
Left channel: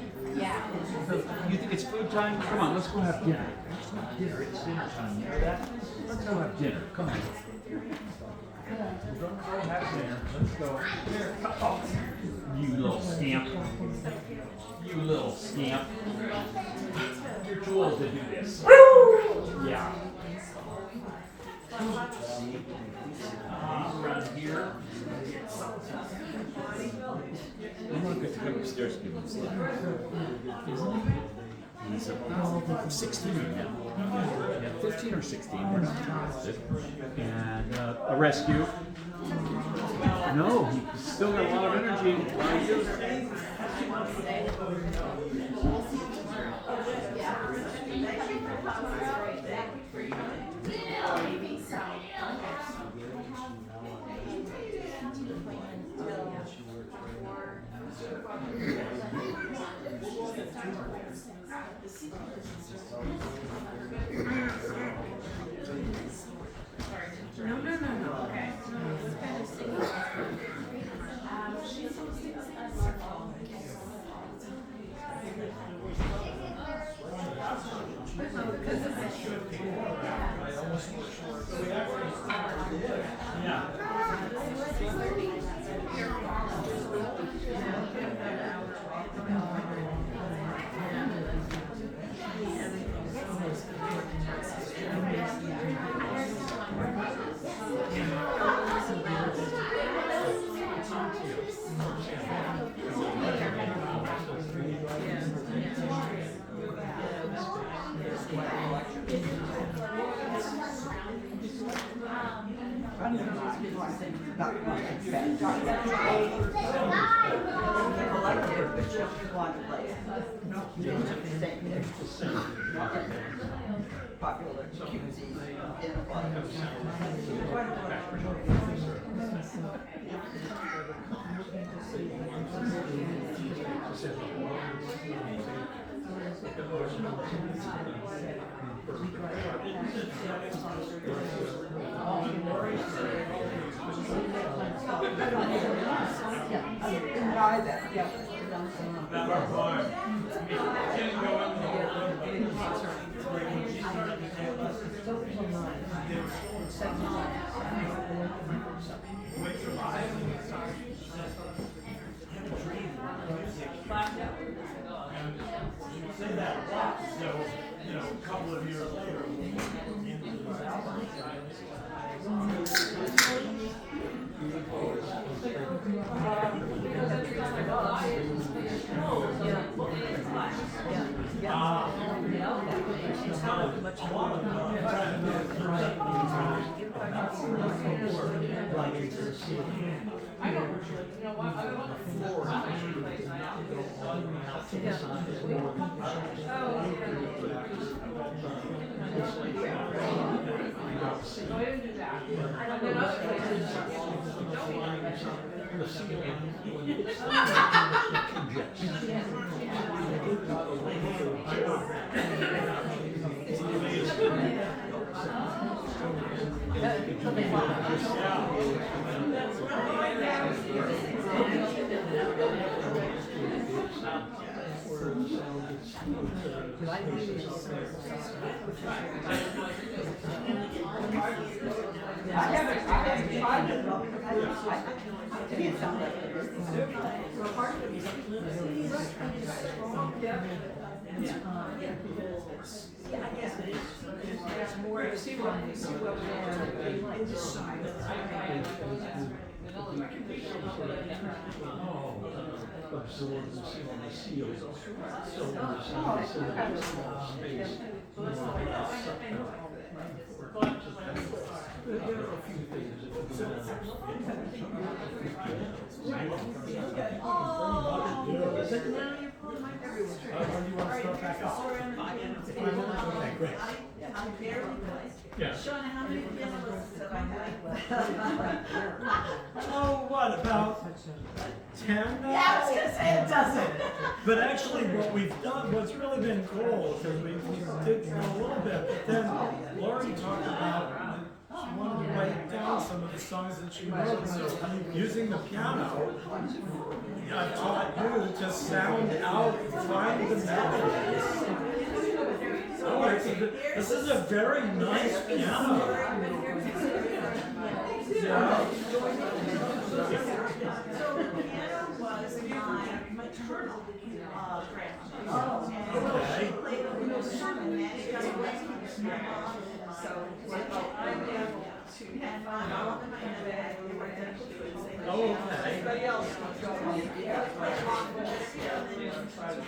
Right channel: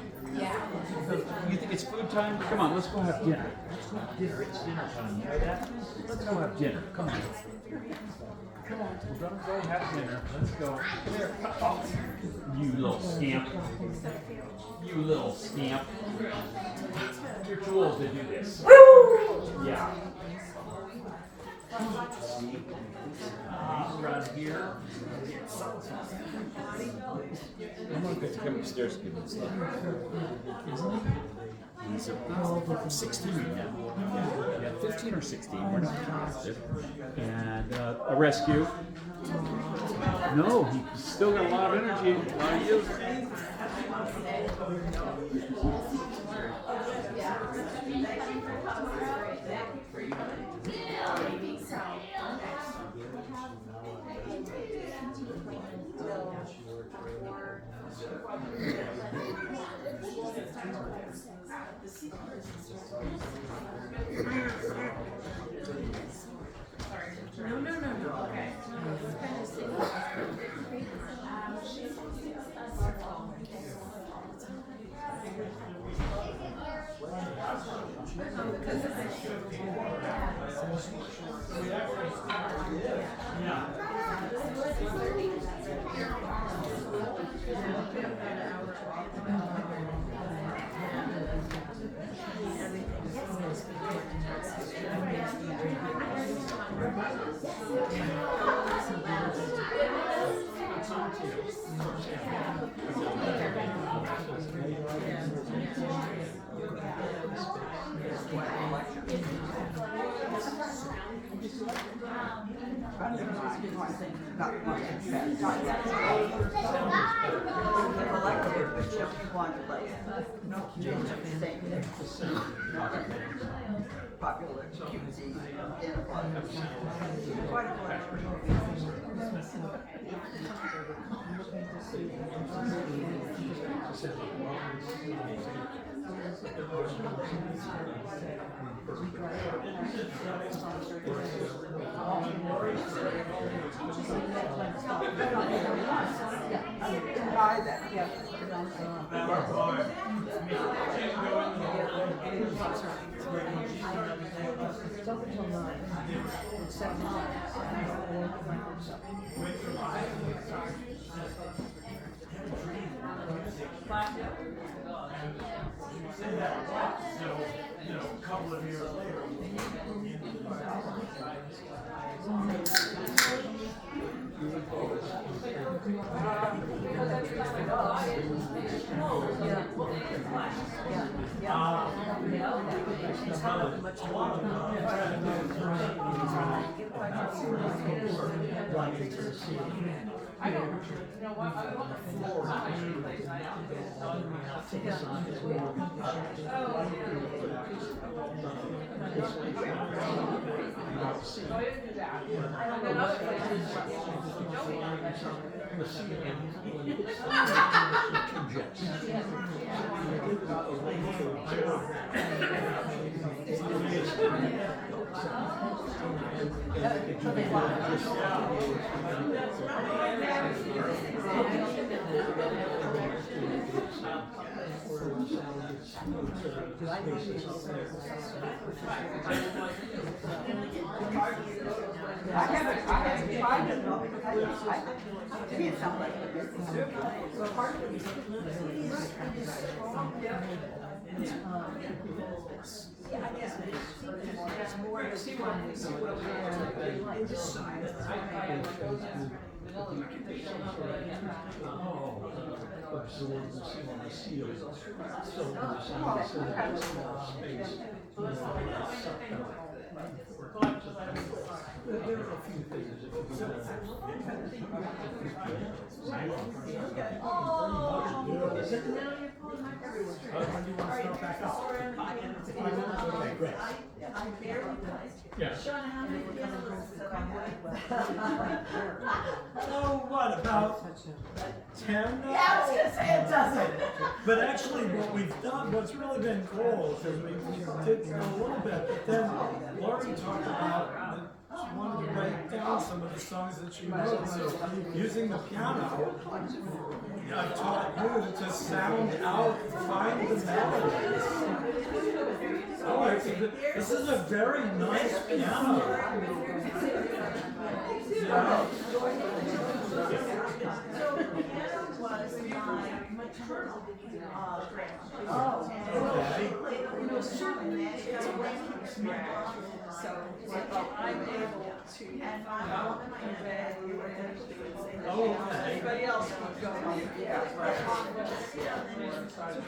You think it's food time? Come on, let's go have dinner. Let's go have dinner. It's dinner time. You know that? Let's go have dinner. Come on. Come on, we're gonna go have dinner. Let's go. You little scamp. You little scamp. You're too old to do this. Yeah. Around here. I'm gonna have to come upstairs and give him a slap. Isn't he? He's about 16 now. Yeah, 15 or 16. We're not positive. And a rescue. No, he's still got a lot of energy. Why are you? absorb the seal of the seal. So we're saying, so that's base. There are a few things that can be done. When do you want to start back up? Okay, great. Yeah. Sean, how many pianos have I had? Oh, what, about 10 now? Yeah, I was gonna say it doesn't. But actually, what we've done, what's really been cool, because we did a little bit, but then Lori talked about, she wanted to write down some of the songs that she wrote, so using the piano, I've taught you to sound out, find the melodies. Oh, this is a very nice piano. Yeah. So the piano was my maternal grandmother. Okay. She played a little sermon and it got away from his grandma. So I'm able to, and my mom and my dad, they were eventually Okay. everybody else was going. My mom was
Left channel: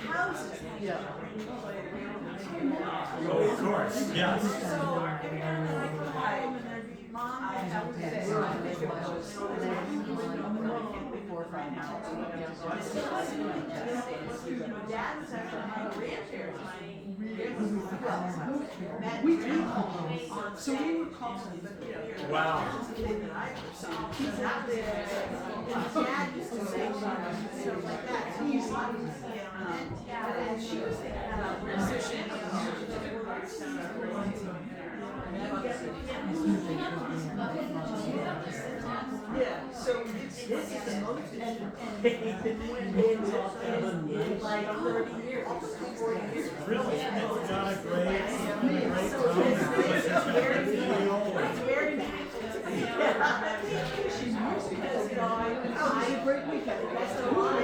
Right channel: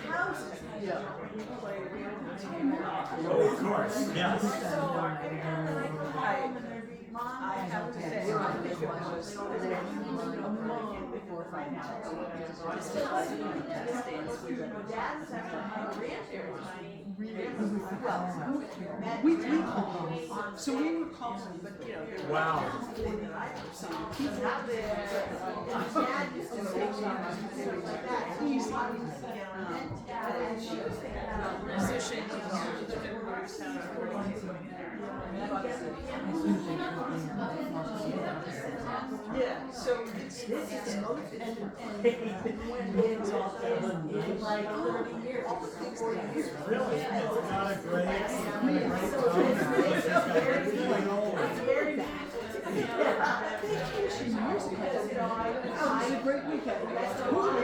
houses. Oh, of course, yes. So every time I go home and there'd be mom and I would say, Dad was actually my grandparents. We did call them, so we would call them, but, you know. Wow. He's not there. Dad used to say stuff like that. He used to and she was saying, yeah, so it's like 30 years, 40 years. Really, it's got a great tone. It's got a great feel. It's very nice. She's used because, you know, I great weekend. That's a lot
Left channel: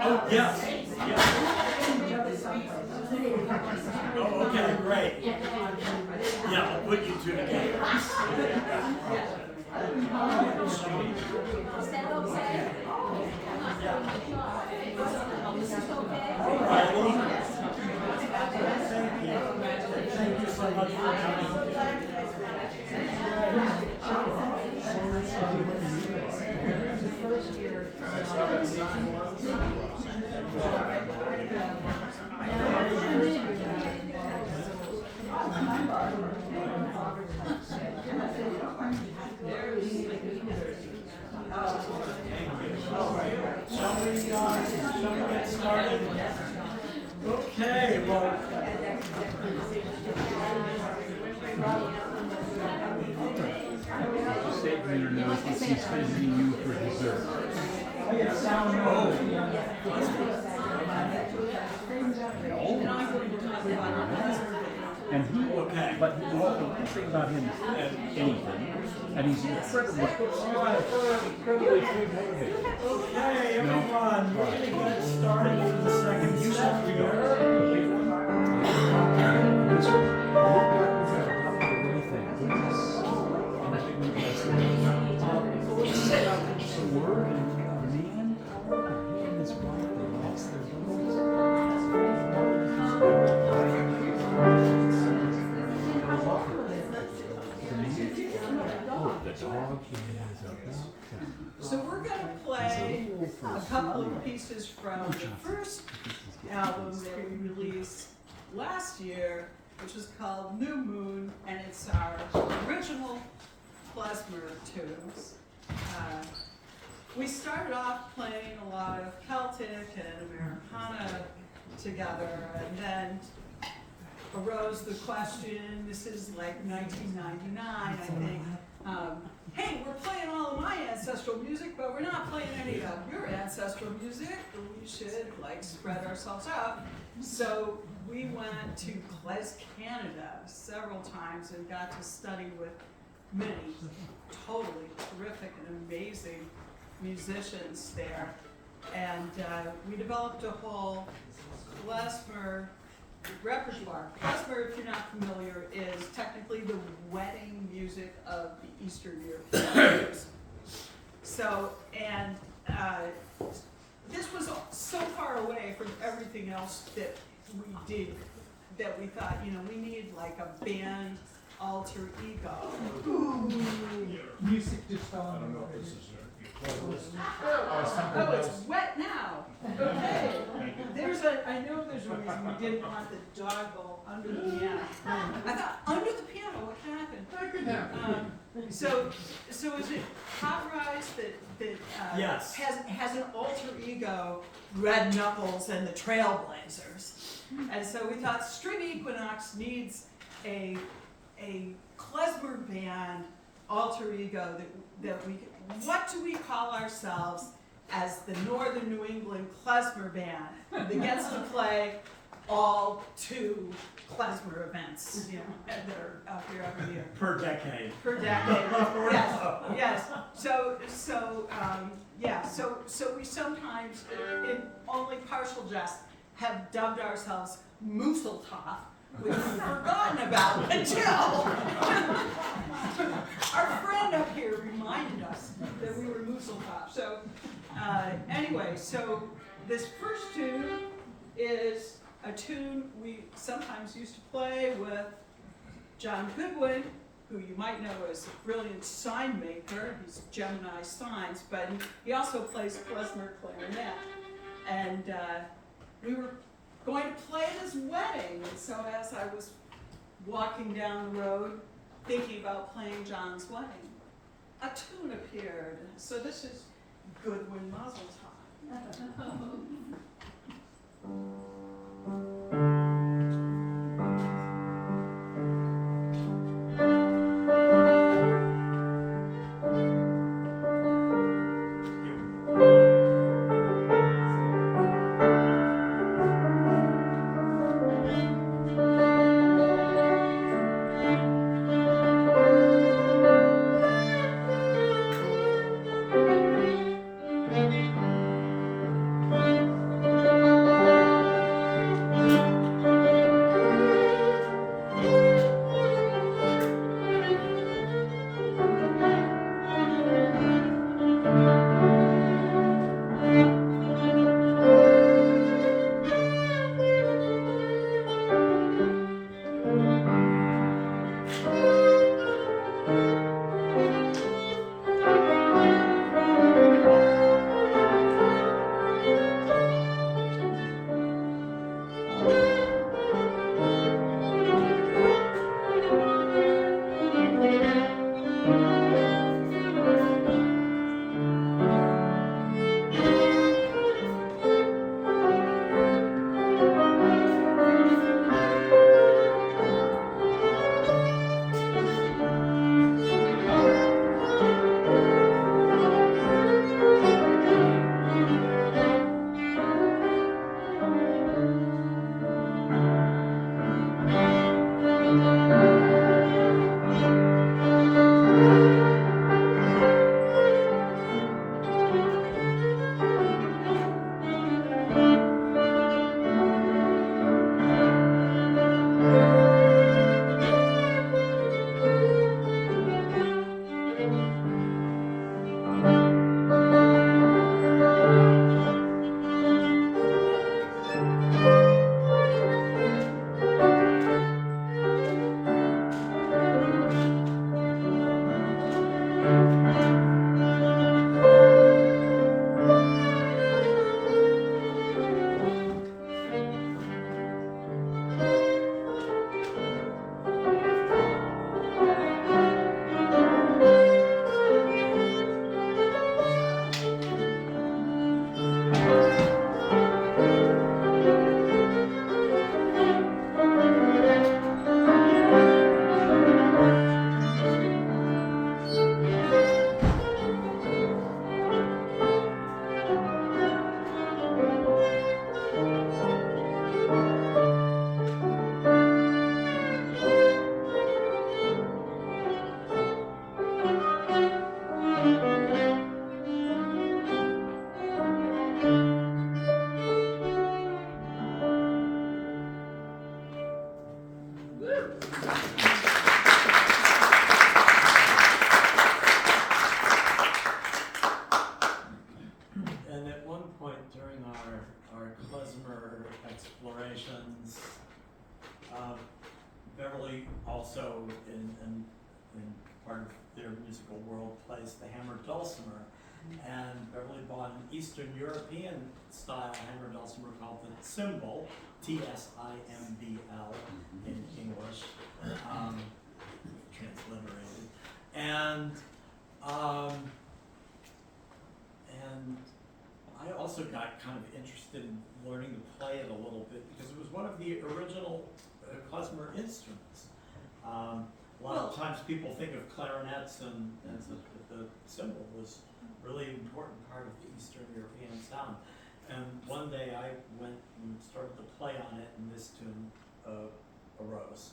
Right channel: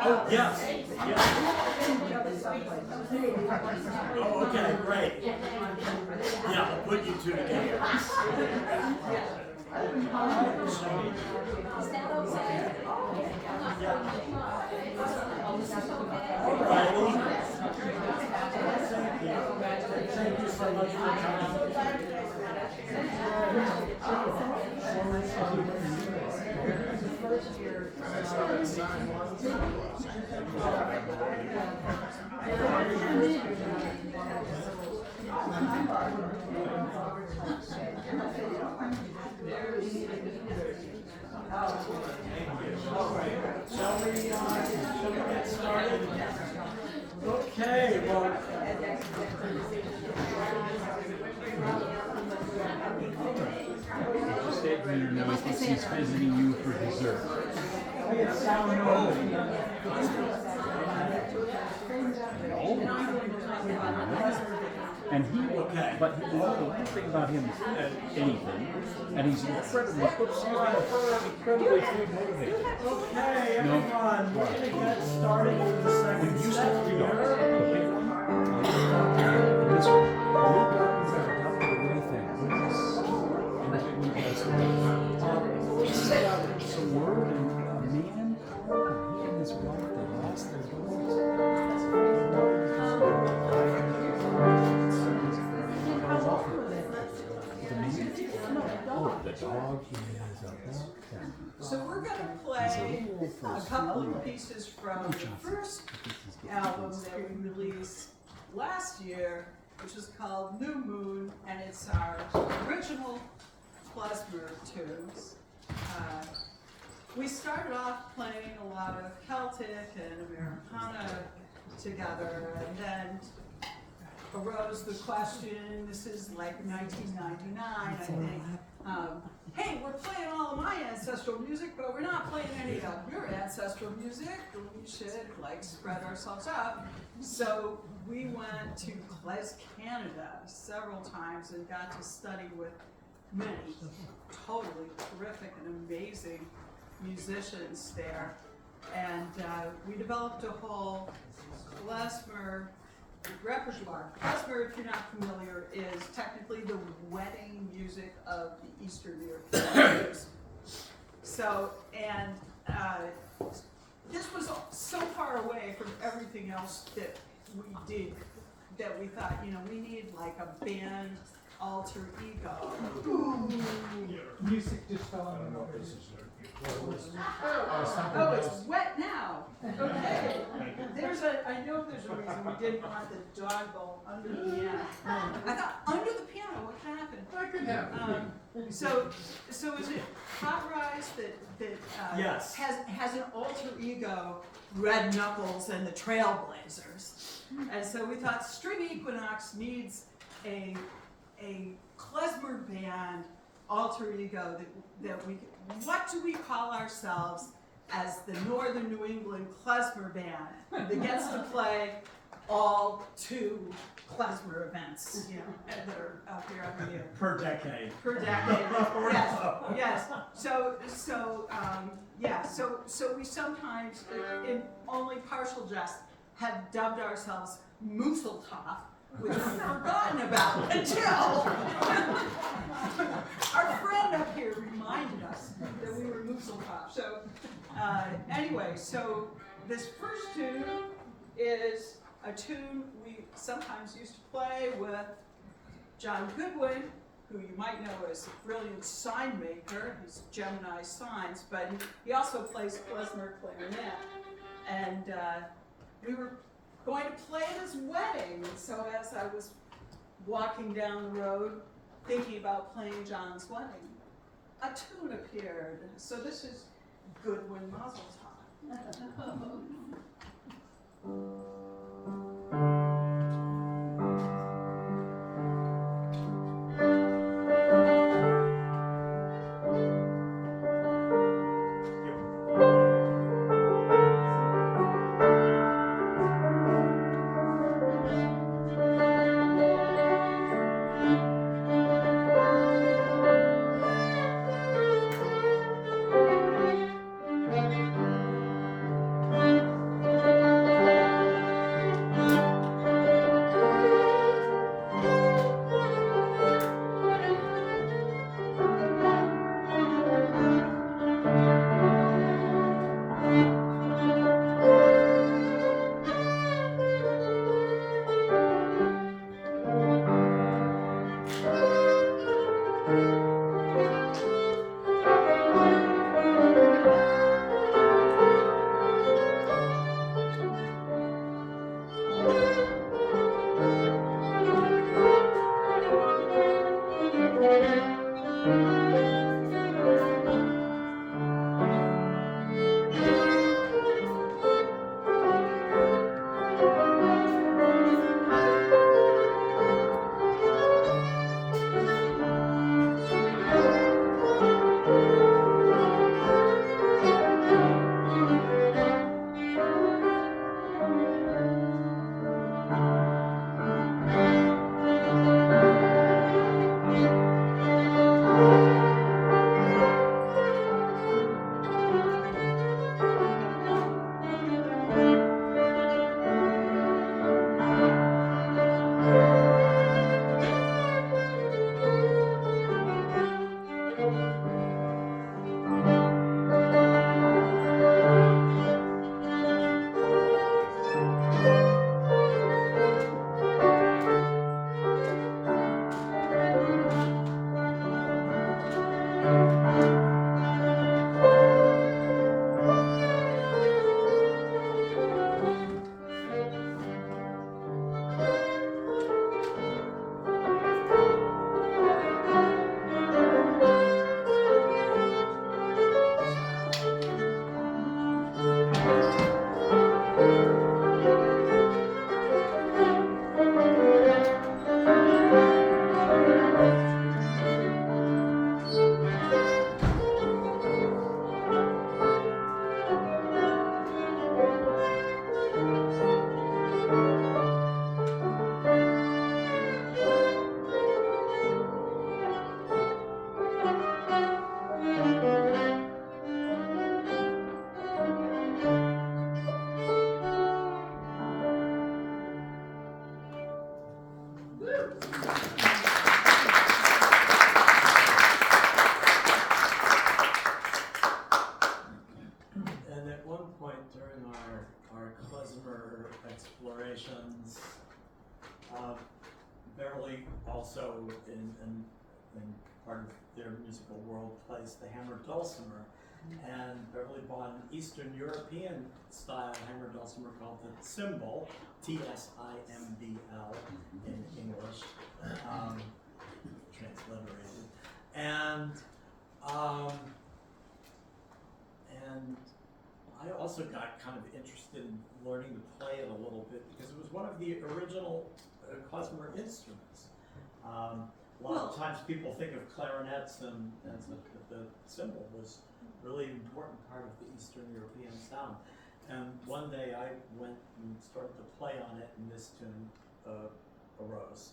Oh, yes. Yes. Oh, okay, great. Yeah, I'll put you two together. Riley. Thank you so much for coming. Shall we get started? Okay, well. State for your notes that she's visiting you for dessert. And he, Okay. but he doesn't know anything about him, anything, and he's incredibly, incredibly food motivated. Okay, everyone, we're gonna get started with the second set here. So we're gonna play a couple of pieces from the first album that we released last year, which was called New Moon, and it's our original klezmer tunes. We started off playing a lot of Celtic and Americana together, and then arose the question, this is like 1999, I think, hey, we're playing all of my ancestral music, but we're not playing any of your ancestral music. We should like spread ourselves out. So we went to Klez Canada several times and got to study with many totally terrific and amazing musicians there. And we developed a whole klezmer repertoire. Klezmer, if you're not familiar, is technically the wedding music of the Eastern Europeans. So, and this was so far away from everything else that we did that we thought, you know, we need like a band alter ego. Music just fell on the noise. Oh, it's wet now. Okay. I know there's a reason we didn't want the dog bowl under the piano. I thought, under the piano, what can happen? That could happen. So is it Hot Rise that Yes. has an alter ego, Red Knuckles and the Trailblazers? And so we thought String Equinox needs a klezmer band alter ego that we. What do we call ourselves as the Northern New England klezmer band that gets to play all 2 klezmer events, you know, that are out here every year? Per decade. Per decade. Yes. So we sometimes, in only partial jest, have dubbed ourselves Mooseltop, which we've forgotten about until our friend up here reminded us that we were Mooseltop. So anyway, so this first tune is a tune we sometimes used to play with John Goodwin, who you might know as a brilliant sign maker. He's Gemini Signs, but he also plays klezmer clarinet. And we were going to play at his wedding, and so as I was walking down the road thinking about playing John's wedding, a tune appeared. So this is Goodwin Mazel Tov. And at one point during our klezmer explorations, Beverly also in part of their musical world plays the hammered dulcimer. And Beverly bought an Eastern European style hammered dulcimer called the cymbal, T-S-I-M-B-L in English, transliterated. And I also got kind of interested in learning to play it a little bit because it was one of the original klezmer instruments. A lot of times people think of clarinets and the cymbal was really important part of the Eastern European sound. And one day I went and started to play on it and this tune arose.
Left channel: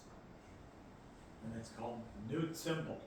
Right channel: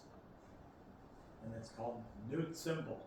And it's called Nude Cymbal.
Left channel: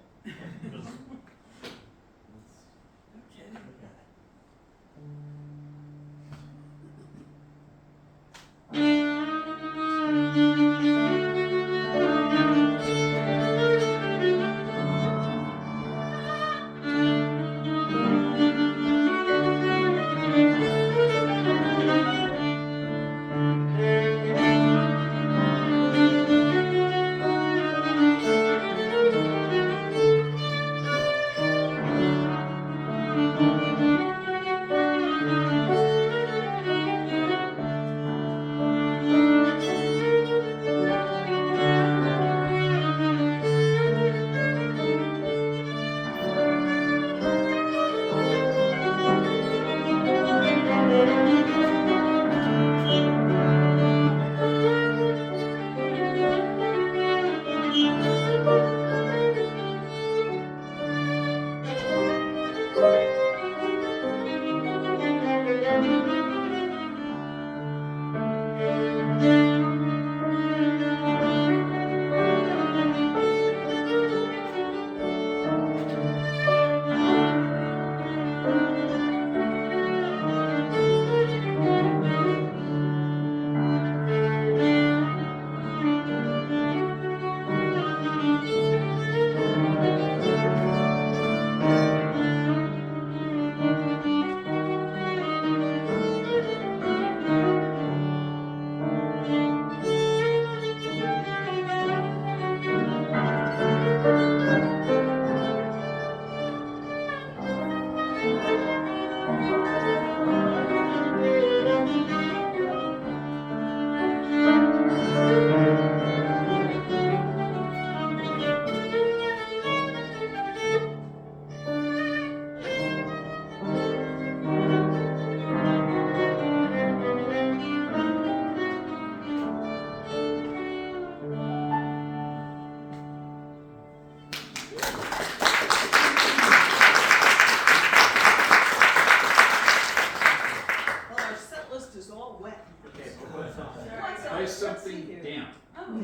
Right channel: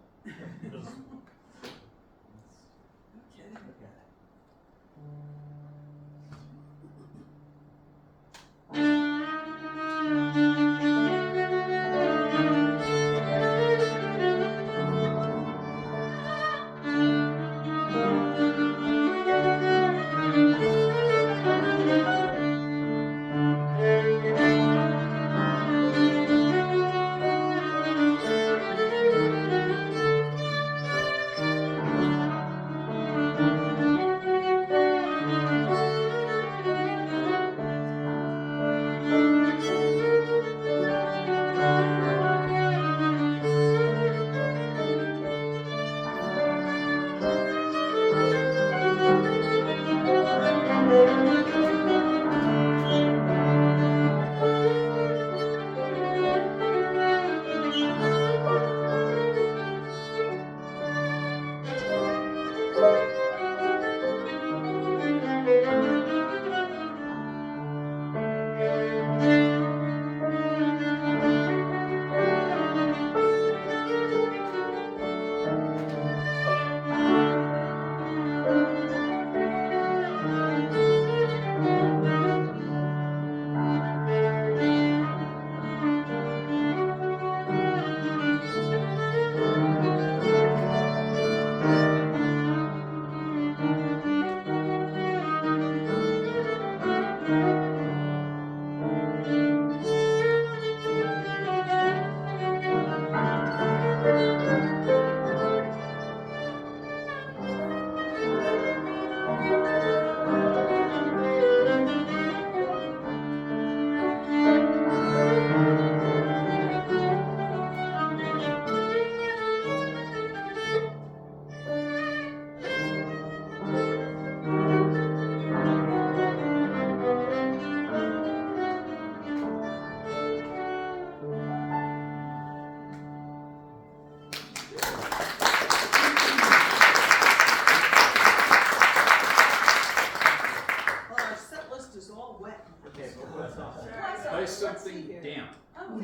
Play something damp. Oh.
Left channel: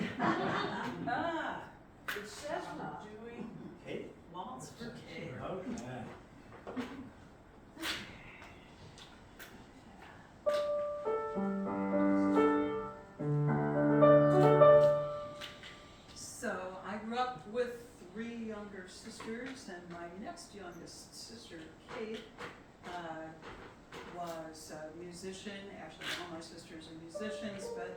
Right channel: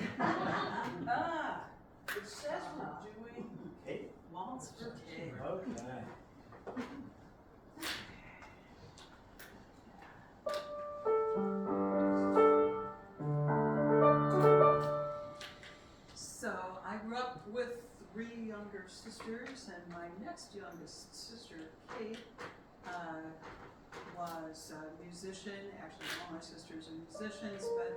Ah, it says we're doing Kate? waltz for Kate. Okay. So I grew up with 3 younger sisters, and my next youngest sister, Kate, was a musician. Actually, all my sisters are musicians, but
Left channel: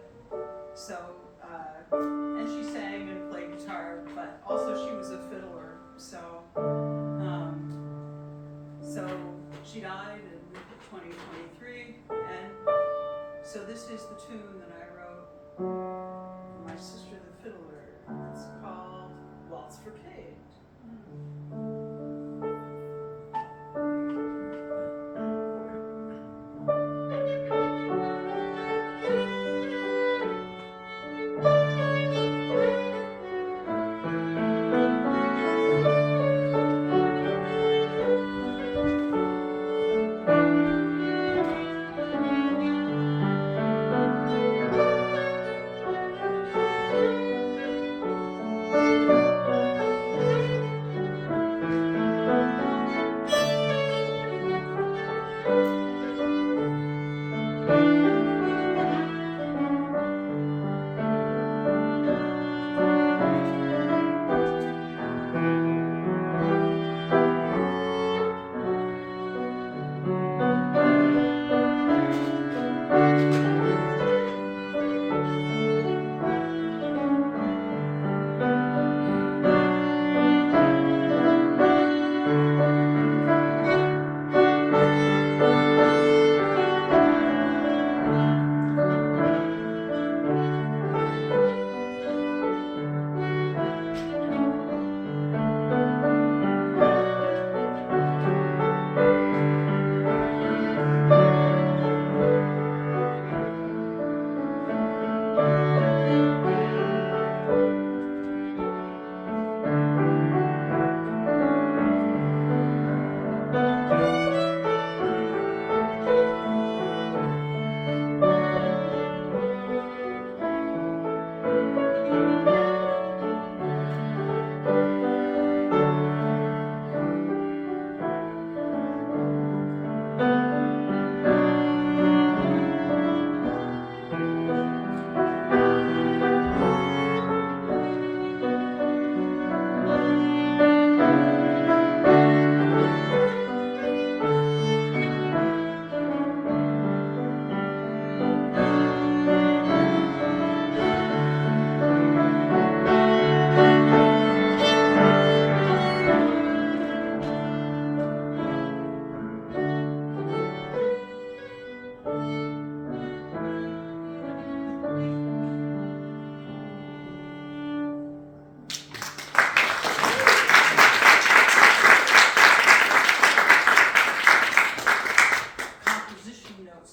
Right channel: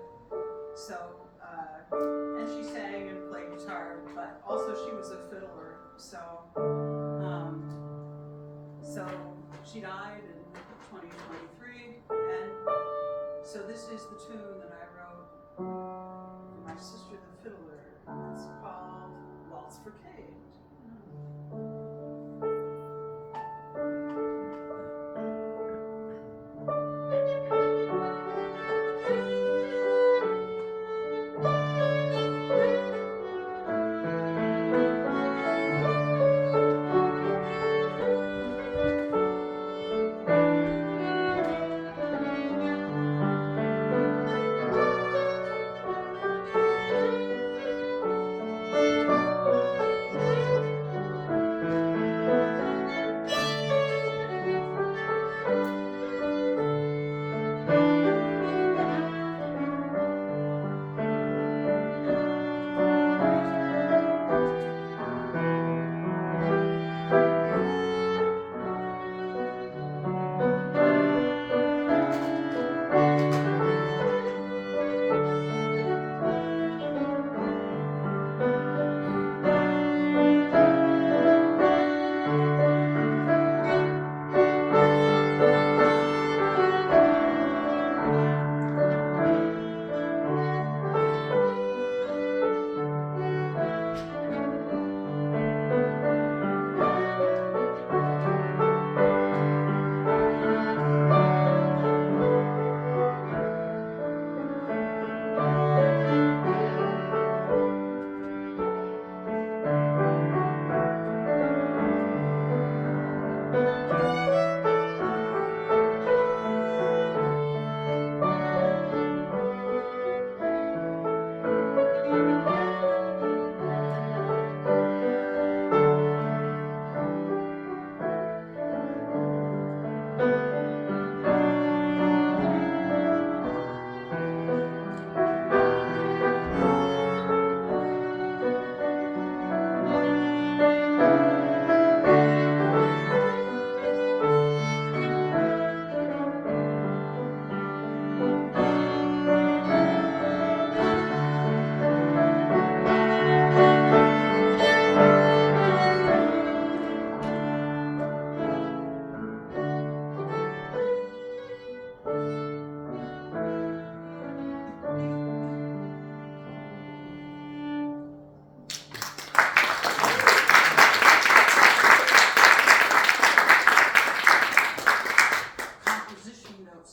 and she sang and played guitar, but also she was a fiddler. So is the tune that I wrote for my sister the fiddler. It's called Waltz for Kate.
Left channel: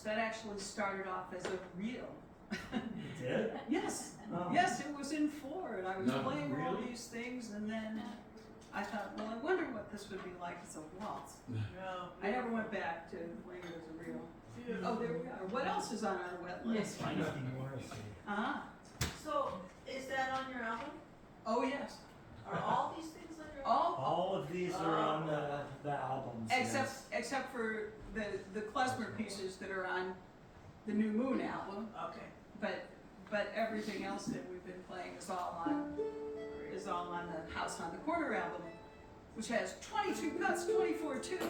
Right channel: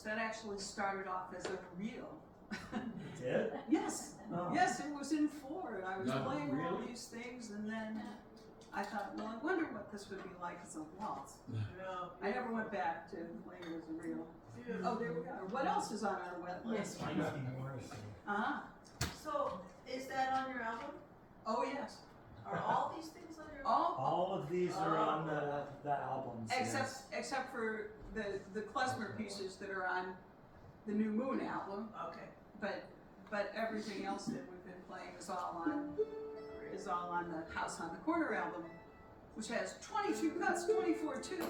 That actually started off as a reel. You did? Yes, Oh. yes, it was in 4, and I was No, playing all really? these things, and then I thought, well, I wonder what this would be like as a waltz. I never went back to playing it as a reel. Oh, there we are. What else is on our wet list? Ah, So, is that on your album? oh yes. Are all these things on your album? All of these are on the albums. Except for the klezmer pieces that are on the New Moon album, Okay. but everything else that we've been playing is all on the House on the Corner album, which has 22 cuts, 24 tunes,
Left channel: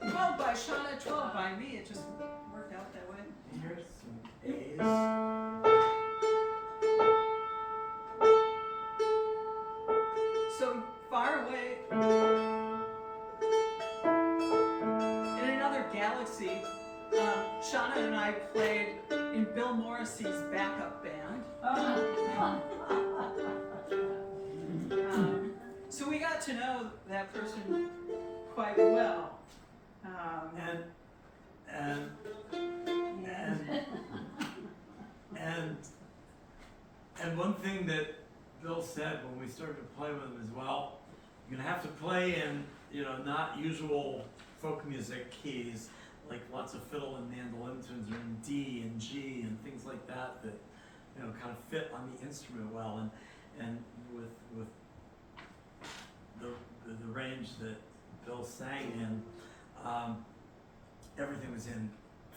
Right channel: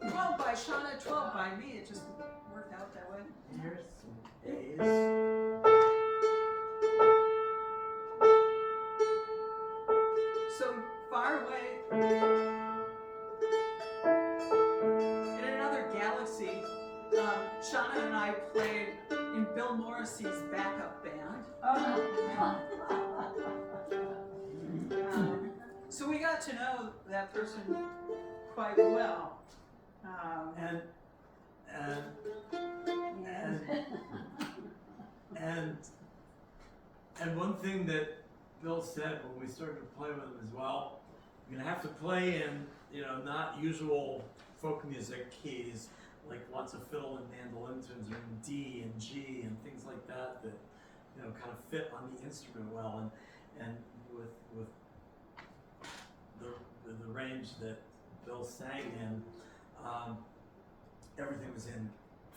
12 by Shauna, 12 by me. It just worked out that way. Here's some A's. So far away in another galaxy, Shauna and I played in Bill Morrissey's backup band. So we got to know that person quite well. And one thing that Bill said when we started to play with him as well, you're gonna have to play in, not usual folk music keys, like lots of fiddle and mandolin tunes are in D and G and things like that kind of fit on the instrument well, and with the range that Bill sang in, everything was in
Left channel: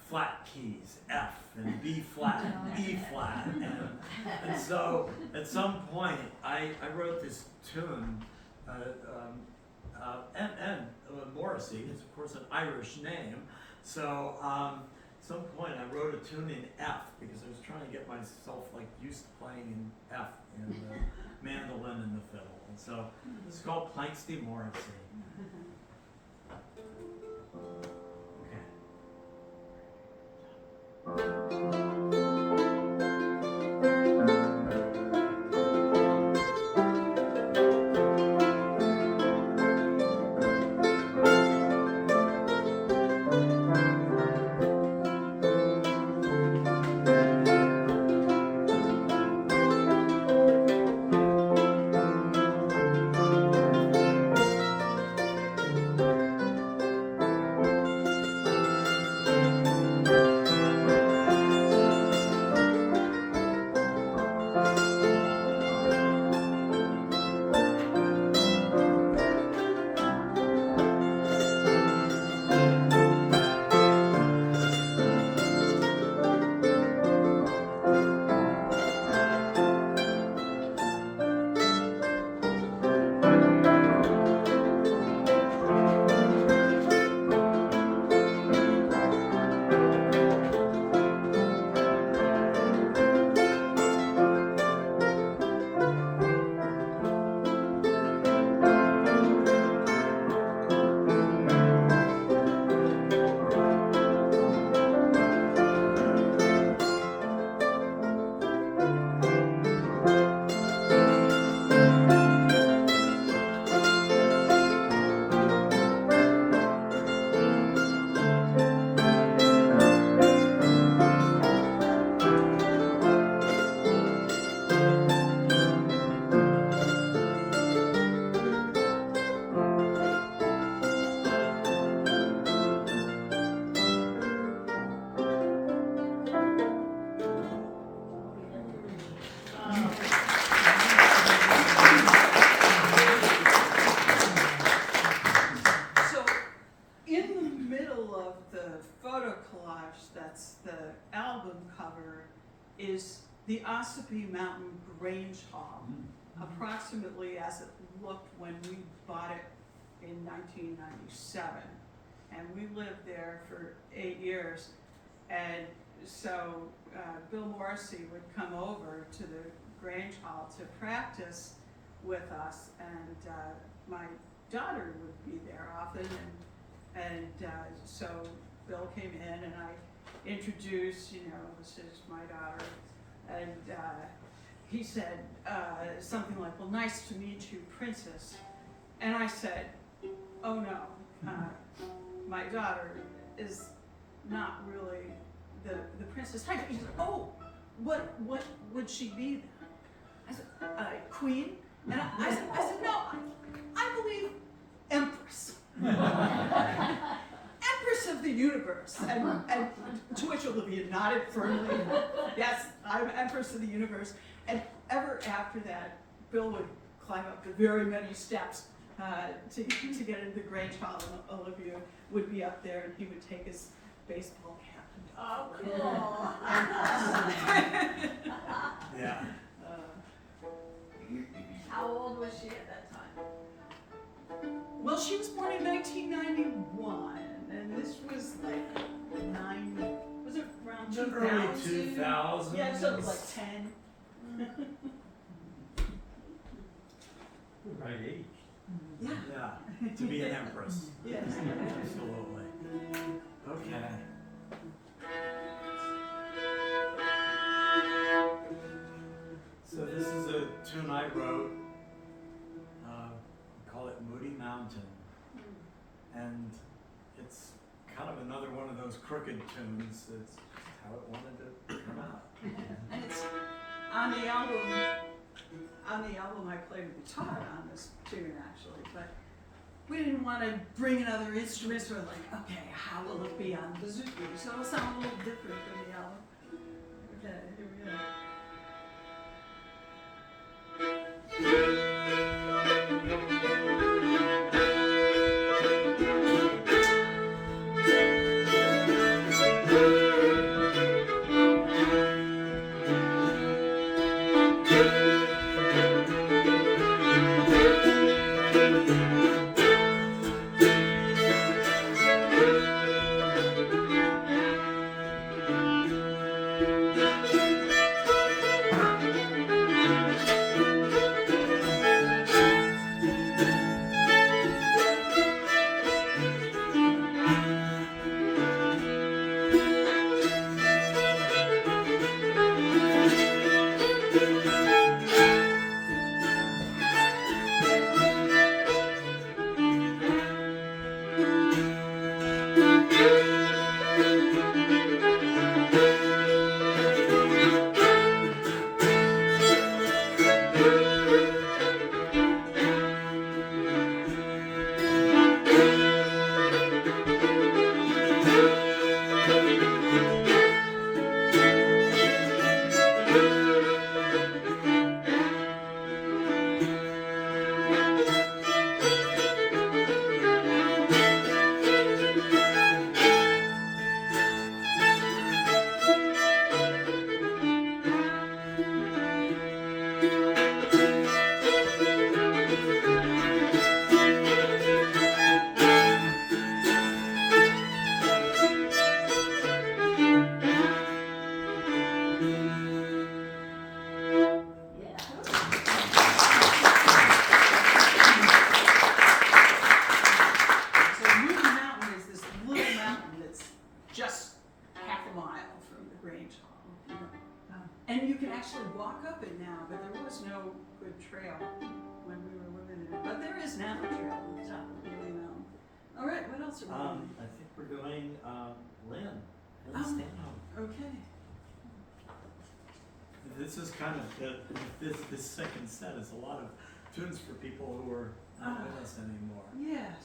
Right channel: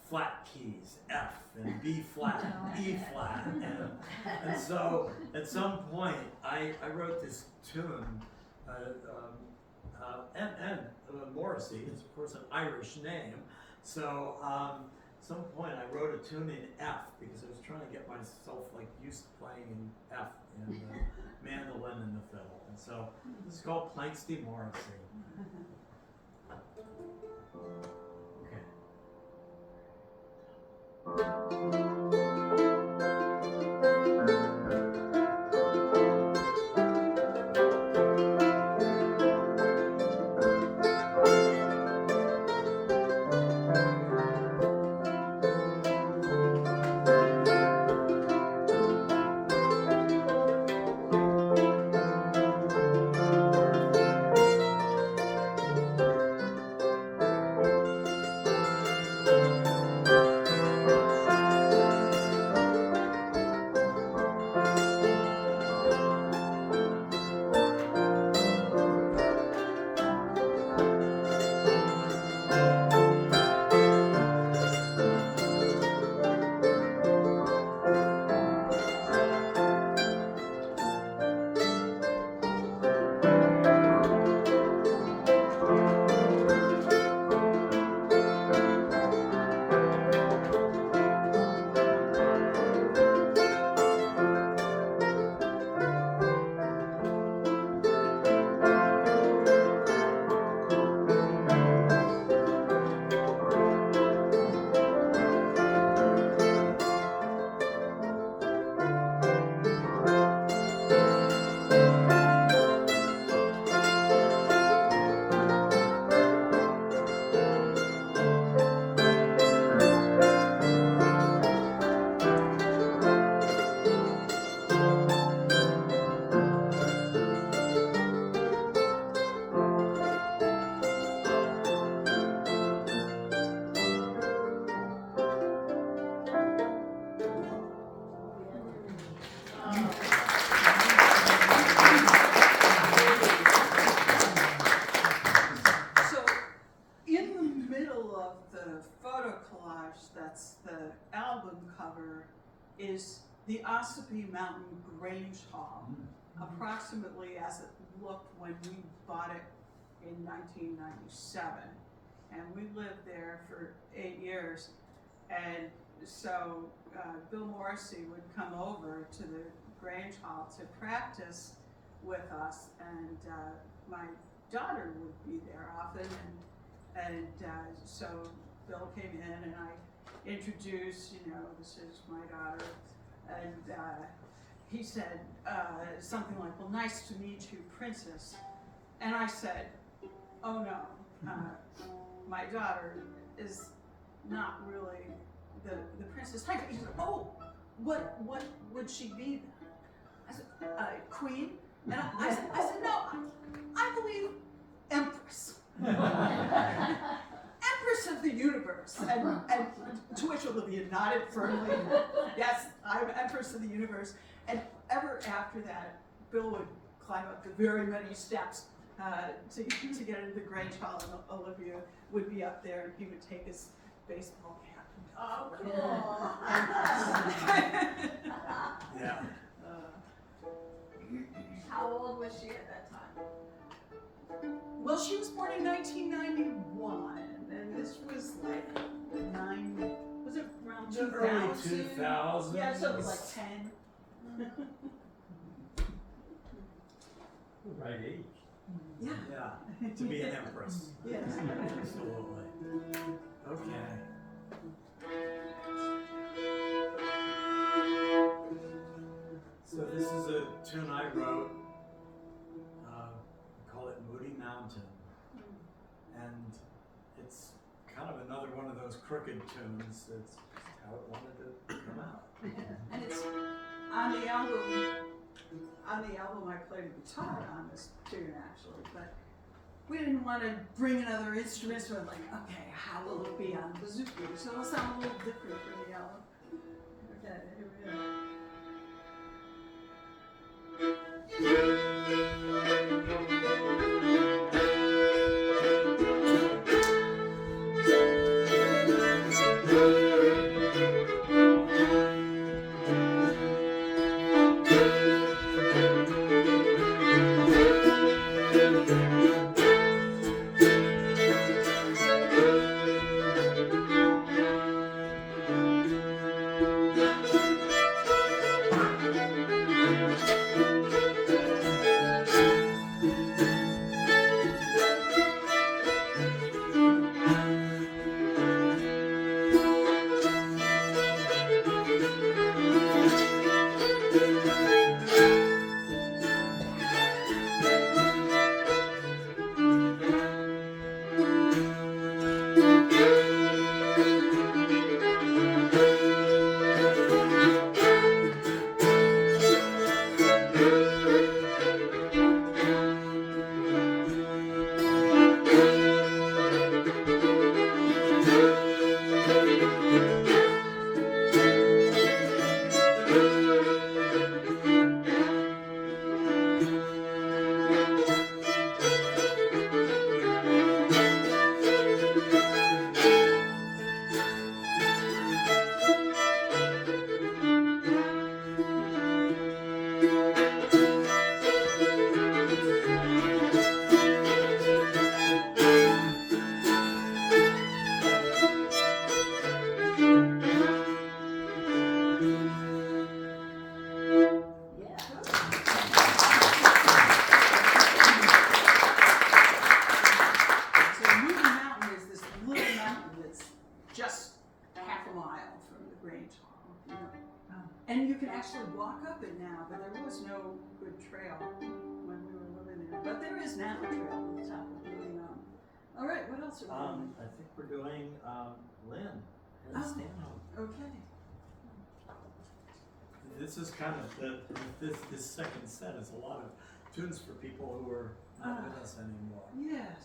flat keys, F and B flat, E flat, and so at some point I wrote this tune, and Morrissey is of course an Irish name, so at some point I wrote a tune in F because I was trying to get myself used to playing in F in the mandolin and the fiddle, and so it's called Planksty Morrissey. Okay. the photo collage that's the album cover is the Ossipee Mountain Grange Hall, approximately as it looked when we bought it in 1997. And we lived there for 8 years. And so Bill Morrissey would come over to the Grange Hall to practice with us, and my daughter would be there often, and so Bill came in and I introduced, this is my daughter, and he said something like, well, nice to meet you, Princess. And I said, oh no, my daughter is not really the princess type. He said, oh, what would she be then? I said, queen? And I said, no, I believe empress. Empress of the universe. And to which Olivia nodded firmly. Yes, I'm empress of the universe. And ever after that, Bill would climb up the very many steps to get into the Grange Hall, and Olivia would be up there, and he would take his baseball cap. Oh, cool. Yeah. How old was she at that time? Well, she was born in 1991, and this was like was it around The 2000? early 2000s. Yeah, so it was like 10. Right age. Yeah. Yeah, to be an empress. Yes. Absolutely. Okay. So this is a tune I wrote. We call it Moody Mountain. And it's kind of another one of those crooked tunes. It's how it wanted to come out. And it's on the album. On the album, I played guitar on this tune actually, but we didn't want to bring another instrument. So we're like, okay, how will it be on bouzouki? So it'll sound a little different from the album. Okay, here we go. And you can actually walk up it now, but there was no good trail when we were living there. But there is now a trail at the top of the mountain. All right, what else are we doing? I think we're doing Lynn Oh. Stanhope. Okay. This is kind of this second set is a lot of tunes for people who are not with us anymore. Yes.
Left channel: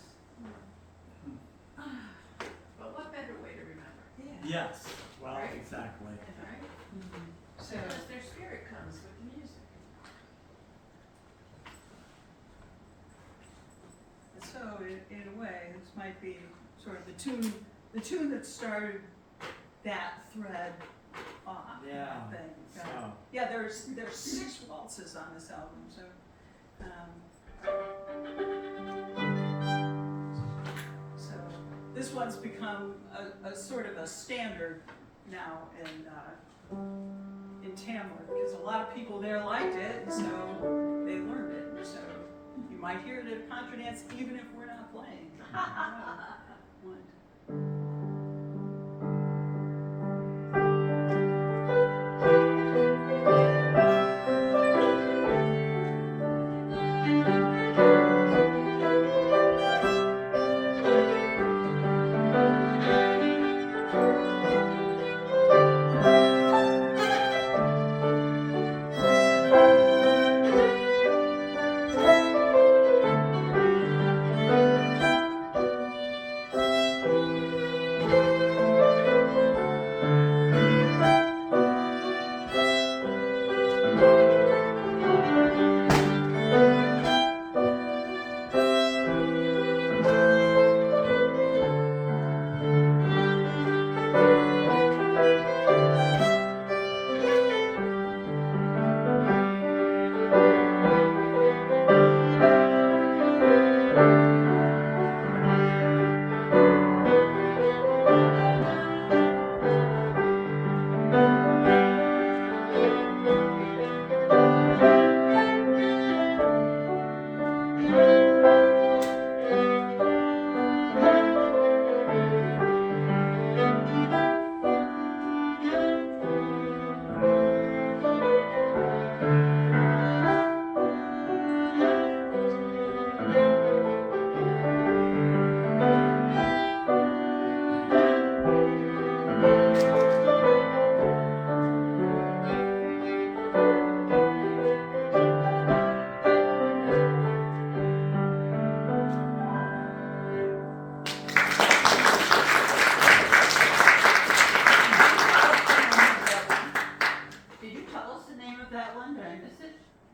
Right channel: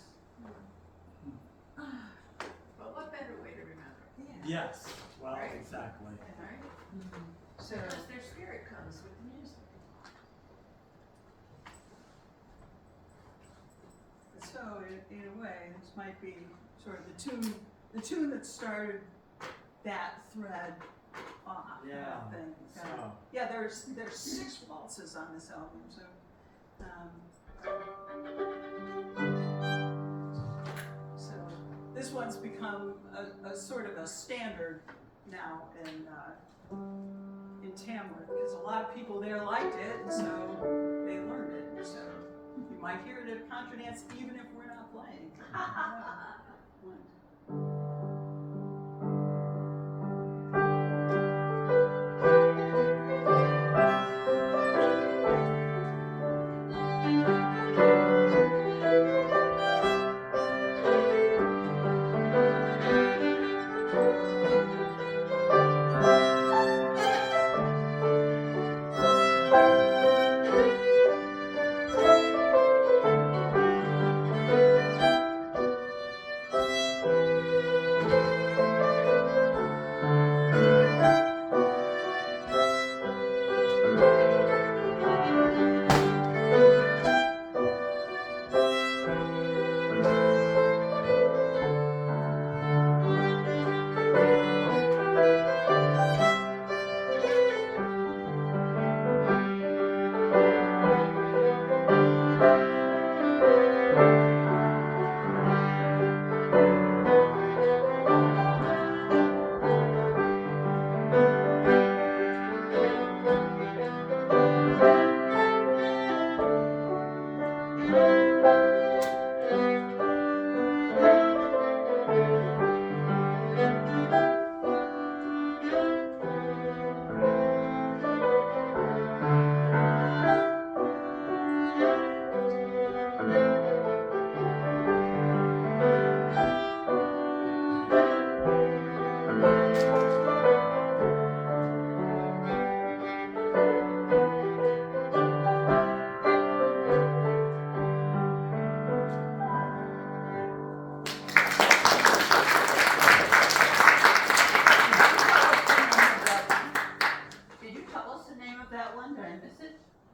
But what better way to remember? Yeah. Yes, well, Right. exactly. All right? So, Because their spirit comes with the music. so in a way, this might be sort of the the tune that started that thread off, Yeah, I think. so. Yeah, there's 6 waltzes on this album, so. So this one's become a sort of a standard now in Tamworth, because a lot of people there liked it, and so they learned it. So you might hear it at a contra dance even if we're not playing.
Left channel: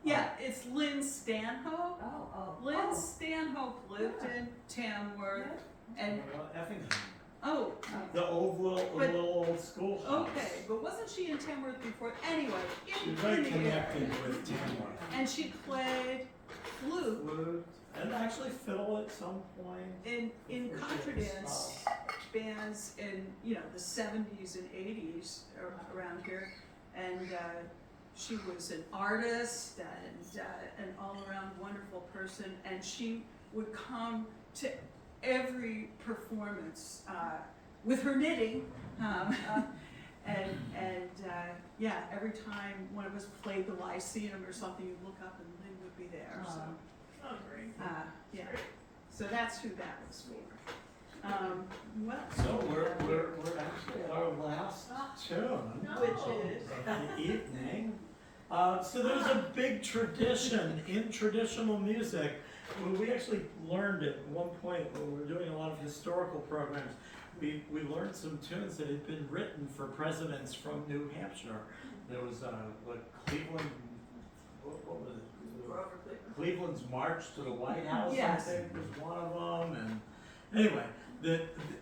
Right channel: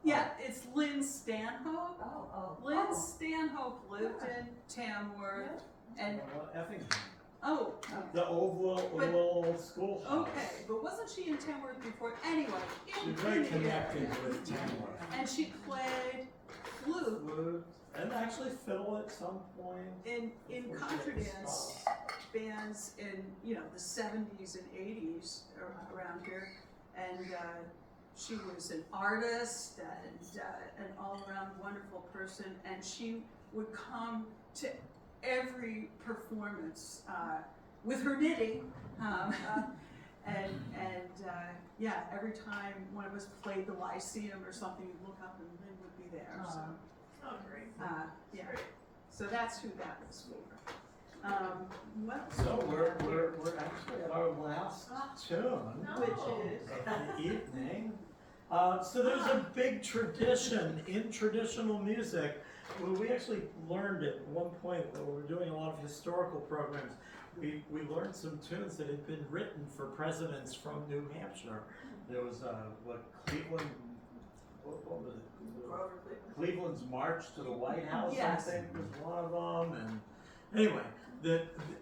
Yeah, it's Lynn Stanhope. Lynn Stanhope lived in Tamworth, and Effingham. oh, The old little old schoolhouse. okay, but wasn't she in Tamworth before? Anyway, She's very connected with Tamworth. and she played flute Flute, and actually fiddle at some point. in contra dance bands in the 70s and 80s around here, and she was an artist and an all-around wonderful person, and she would come to every performance with her knitting, and yeah, every time one of us played the Lyceum or something, you'd look up and Lynn would be there. So, yeah, so that's who that was for. Well, So we're actually at our last tune which is of the evening. So there's a big tradition in traditional music. Well, we actually learned at one point when we were doing a lot of historical programs. We learned some tunes that had been written for presidents from New Hampshire. There was Cleveland. What was it? Cleveland's March to the White House, Yes. I think, was one of them. And anyway,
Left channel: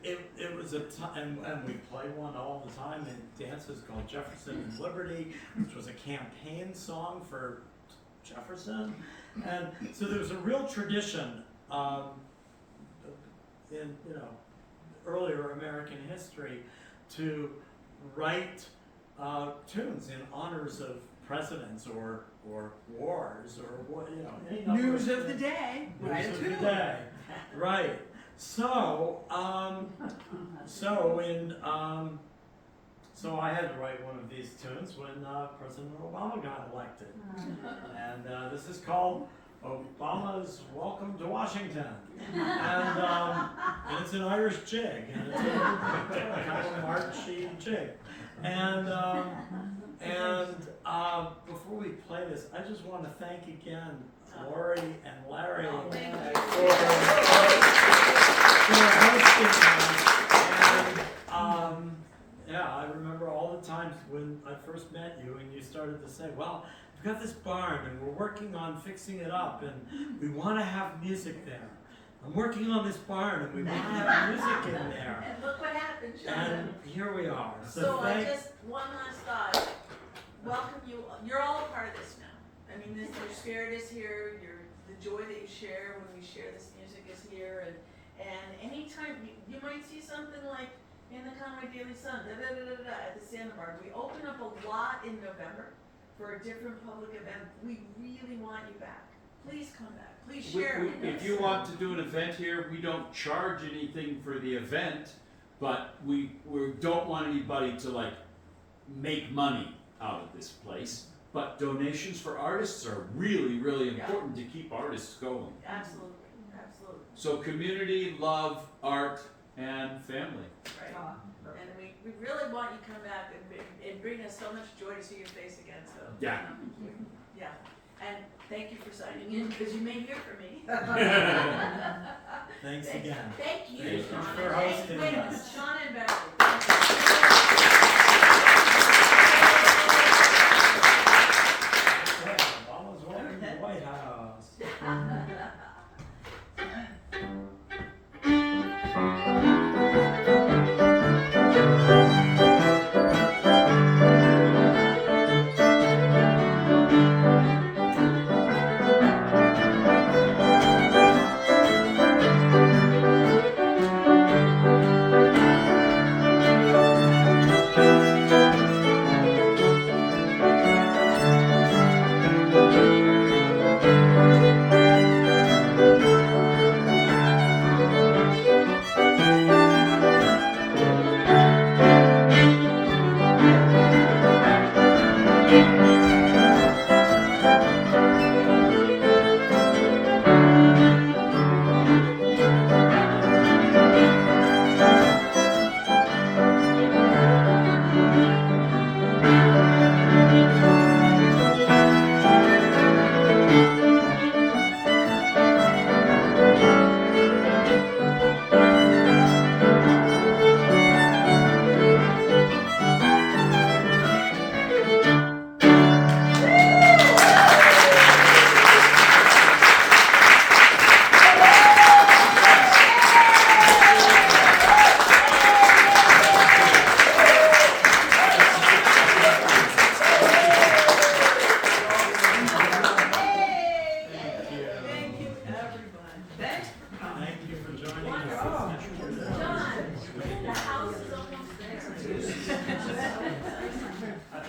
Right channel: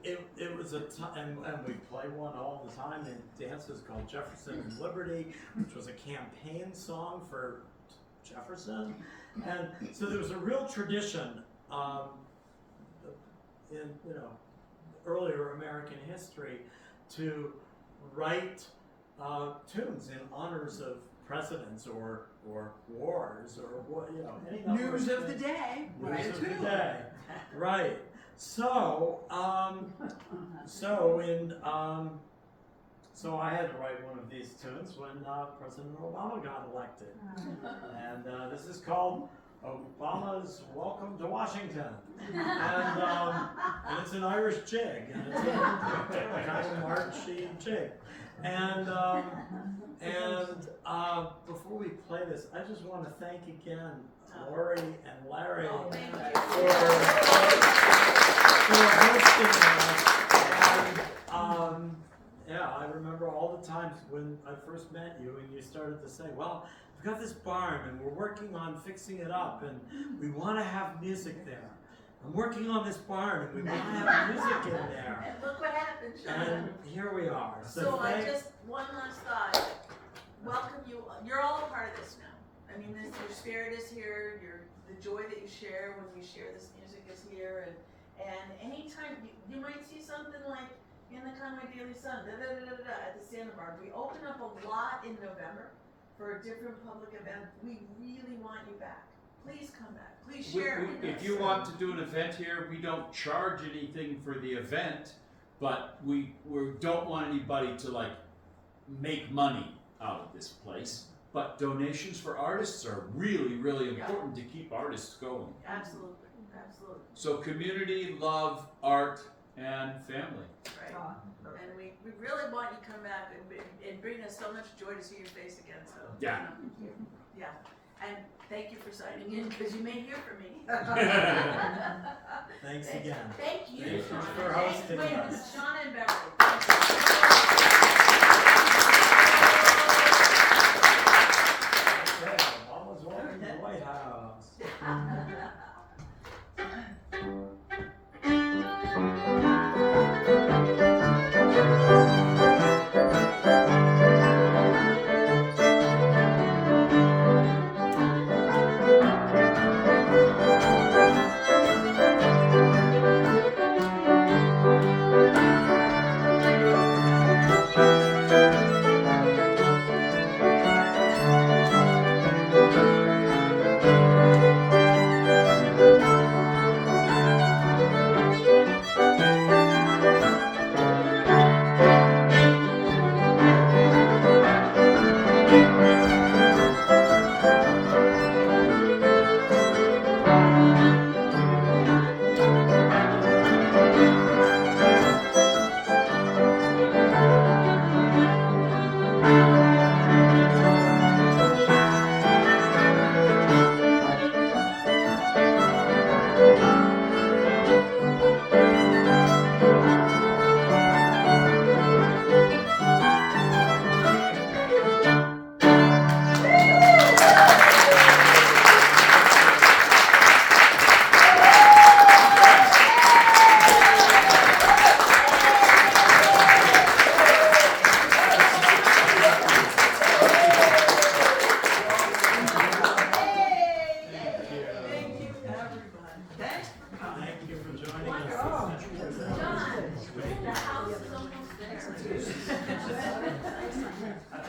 it was a time, and we play one all the time in dances called Jefferson and Liberty, which was a campaign song for Jefferson. And so there was a real tradition in earlier American history to write tunes in honors of presidents or wars or what any number news of the things. day. News of the day, right? So so I had to write one of these tunes when President Obama got elected, and this is called Obama's Welcome to Washington, and it's an Irish jig, and it's a kind of a marchy jig, and before we play this, I just want to thank again Lori and Larry for hosting us. And yeah, I remember all the times when I first met you and you started to say, well, we've got this barn and we're working on fixing it up and we want to have music there. I'm working on this barn and we want to have music in there. And look what happened, Sean. And here we are. So I just, one last thought, welcome you, you're all a part of this now. I mean, this, your spirit is here, the joy that you share when we share this music is here, and anytime, you might see something like in the Conway Daily Sun, at the sandbar. We open up a lot in November for a different public event. We really want you back. Please come back, please share. If you want to do an event here, we don't charge anything for the event, but we don't want anybody to like make money out of this place. But donations for artists are really, really important to keep artists going. Absolutely, absolutely. So community, love, art, and family. Right. And we really want you to come back and bring us so much joy to see your face again, so. Yeah. Yeah, and thank you for signing in, because you may hear from me. Thanks again. Thank you. Thank you Sean. for hosting Wait, us. Sean and Barry. All is well in the White House.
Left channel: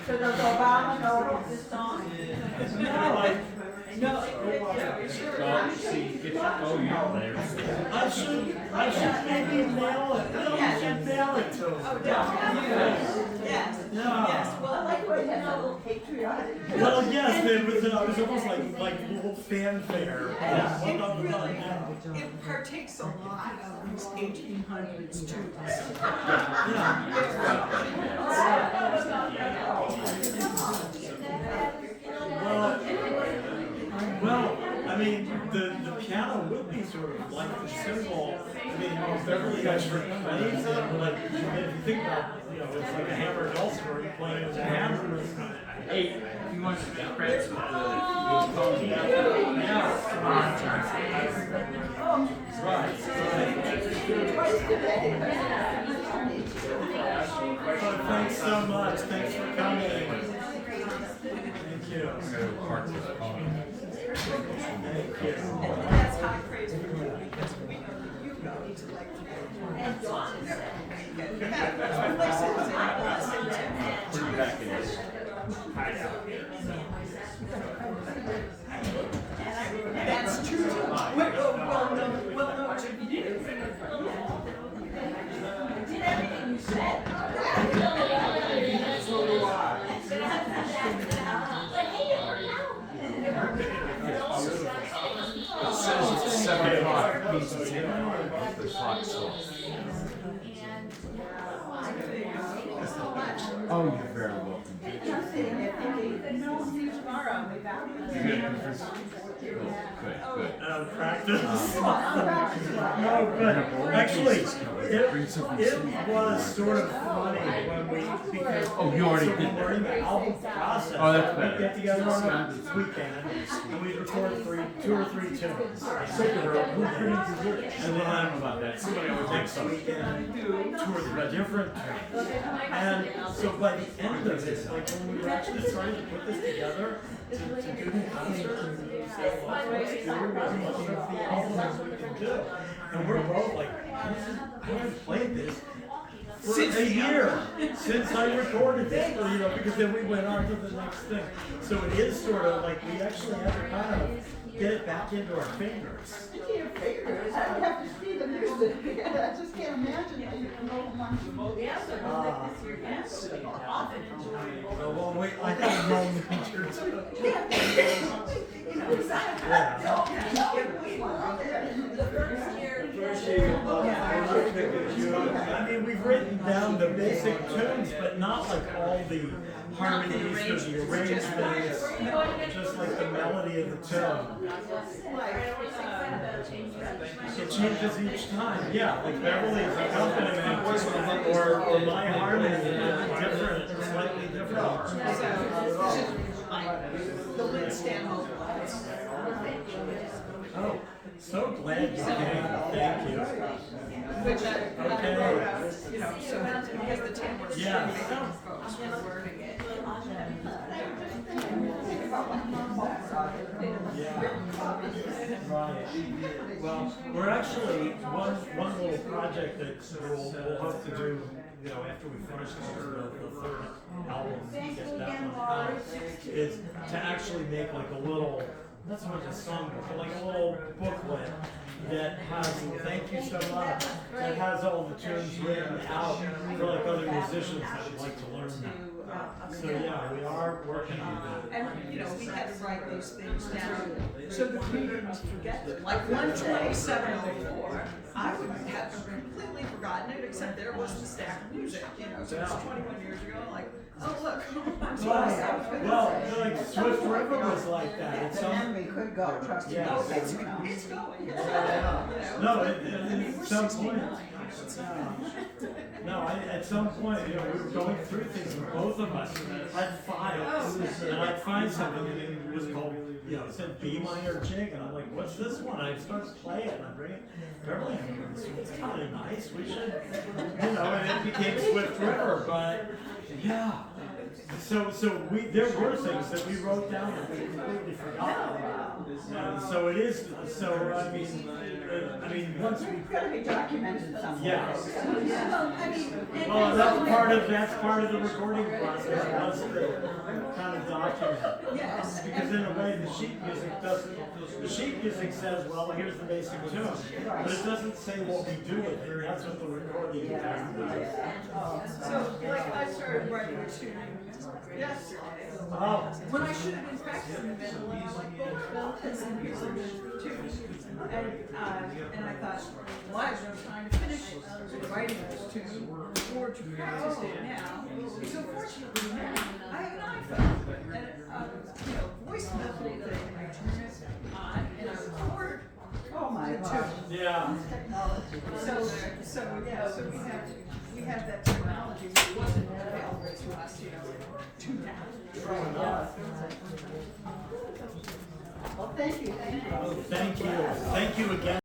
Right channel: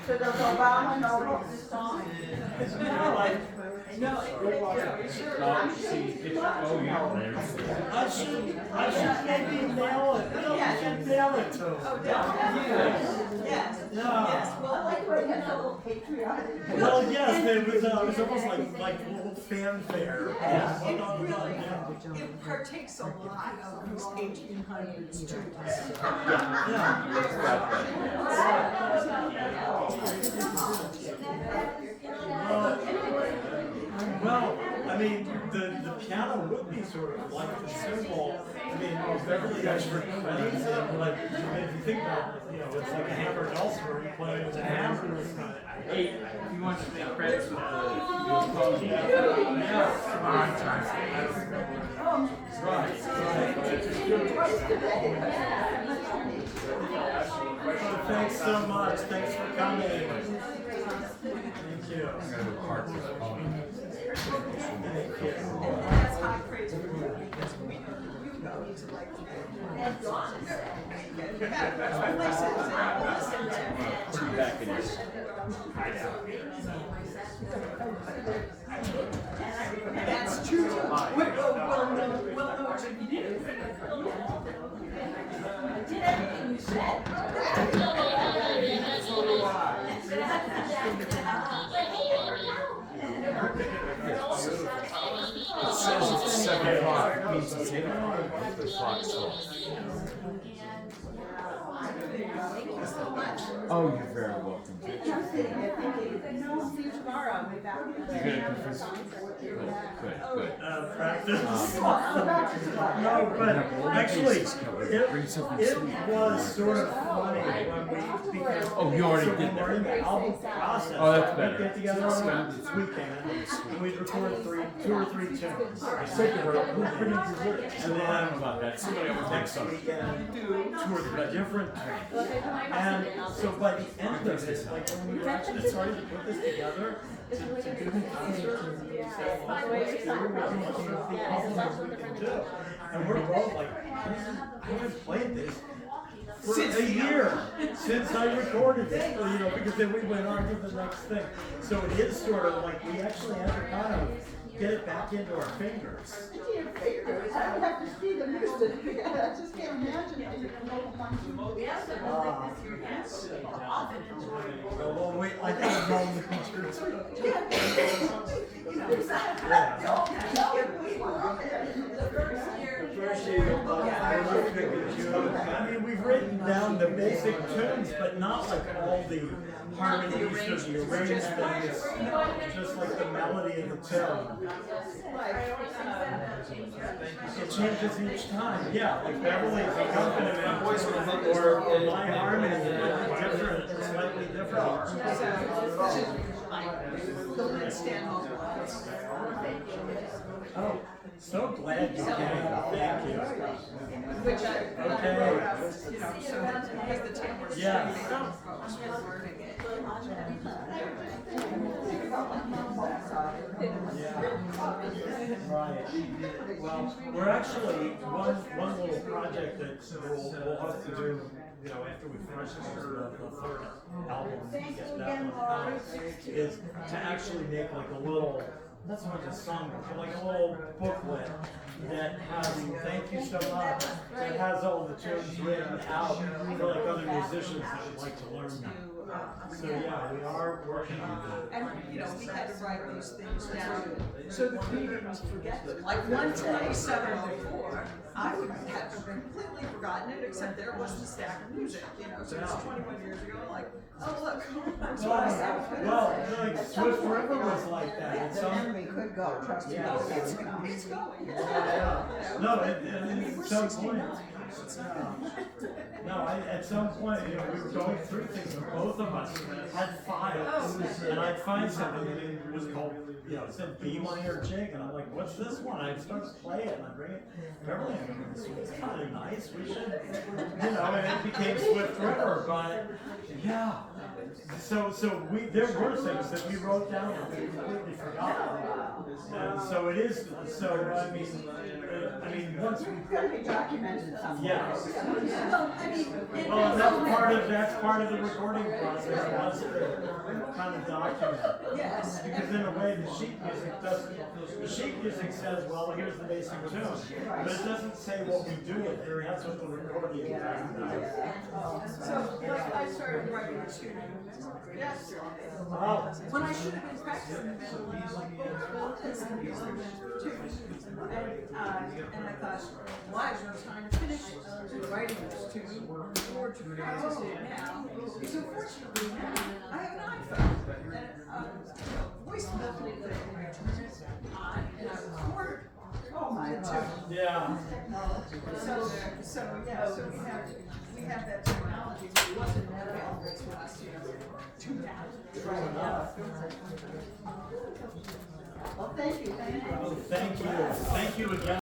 So does Obama know this song? No. I should maybe mail it. No, I should mail it to him. Oh, definitely. Yes. Yeah. Yes. Well, I like when you know, patriotic. Well, yes, it was almost like a little fanfare. Yeah, it really, it partakes a lot of those 1800s too. Well, I mean, the piano would be sort of like the symbol. I mean, Beverly Ashford plays it, like, if you think about, it's like a hammered dulcimer, where you play it with a hammer. Hey, you want to press the Right. Thanks so much. Thanks for coming. Thank you. Thank you. That's high praise for you, because we know that you go to like that's true. Well, no, Did everything you said. It says it's 7 o'clock. The clock sauce. Oh, you're very welcome. You're sitting there thinking, see you tomorrow, I'll be back. You're gonna confuse Good. Practice. No, but actually, it was sort of funny when we, because Oh, you already so did when we're in the album process, Oh, that's we'd better. get together on this weekend and we'd record two or three tunes. And then about that. Somebody will take next some. weekend, tour a different tune. And so by the end of it, like when we were actually starting to put this together, to do the concert, and say, well, let's do as much of the album as we can do. And we're both like, I haven't played this for a year since I recorded this, you know, because then we went on to the next thing. So it is sort of like we actually had to kind of get it back into our fingers. I would have to see the music. I just can't imagine how you can go from one to the Well, I think it's wrong with pictures. I mean, we've written down the basic tunes, but not like all the harmonies or the arrangements, just like the melody of the tune. It changes each time, yeah, like Beverly's accompaniment or my harmony is different, slightly different. The lid stand Oh, so glad you came, thank you. which I Okay. wrote out, you know, so because the timbre. Yeah. Yeah. Right. Well, we're actually, one little project that we'll hope to do, you know, after we finish the third album, get that one out, is to actually make like a little, not so much a songbook, but like a little booklet that has, thank you so much, that has all the tunes written out for like other musicians that would like to learn them. So yeah, we are working on that. And, you know, we had to write those things down so that we wouldn't forget them. Like 12704, I would have completely forgotten it, except there was the stack of music, you know, so it's 21 years ago, like, oh, look. Well, like Swift River was like that. It's some, we could go, trust me. yeah. It's going. No, at some point. No, at some point, you know, we were going through things, and both of us had files, and I'd find something, and it was called, you know, it said B minor jig, and I'm like, what's this one? And I start to play it, and I bring it, Beverly, I go, this one's kind of nice, we should, you know, and it became Swift River, but, yeah. So there were things that we wrote down that we completely forgot. And so it is, so I mean, once we, It's gotta be documented somewhere. yeah. I mean, Well, that's part of the recording process, was to kind of document. Yes. Because in a way, the sheet music doesn't, the sheet music says, well, here's the basic tune, but it doesn't say what we do with it, that's what the recording does. So, like, I started writing a tune yesterday. Oh, When I should have been practicing the mandolin, I'm like, well, it's a music too. And I thought, well, I have no time to finish writing this tune or to practice it now. So fortunately now, I have an iPhone and a voice memo thing. I turn it on and I record oh my the God. tune. yeah. So we have that technology that wasn't available to us, you know, to now. Well, thank you. Thank you again.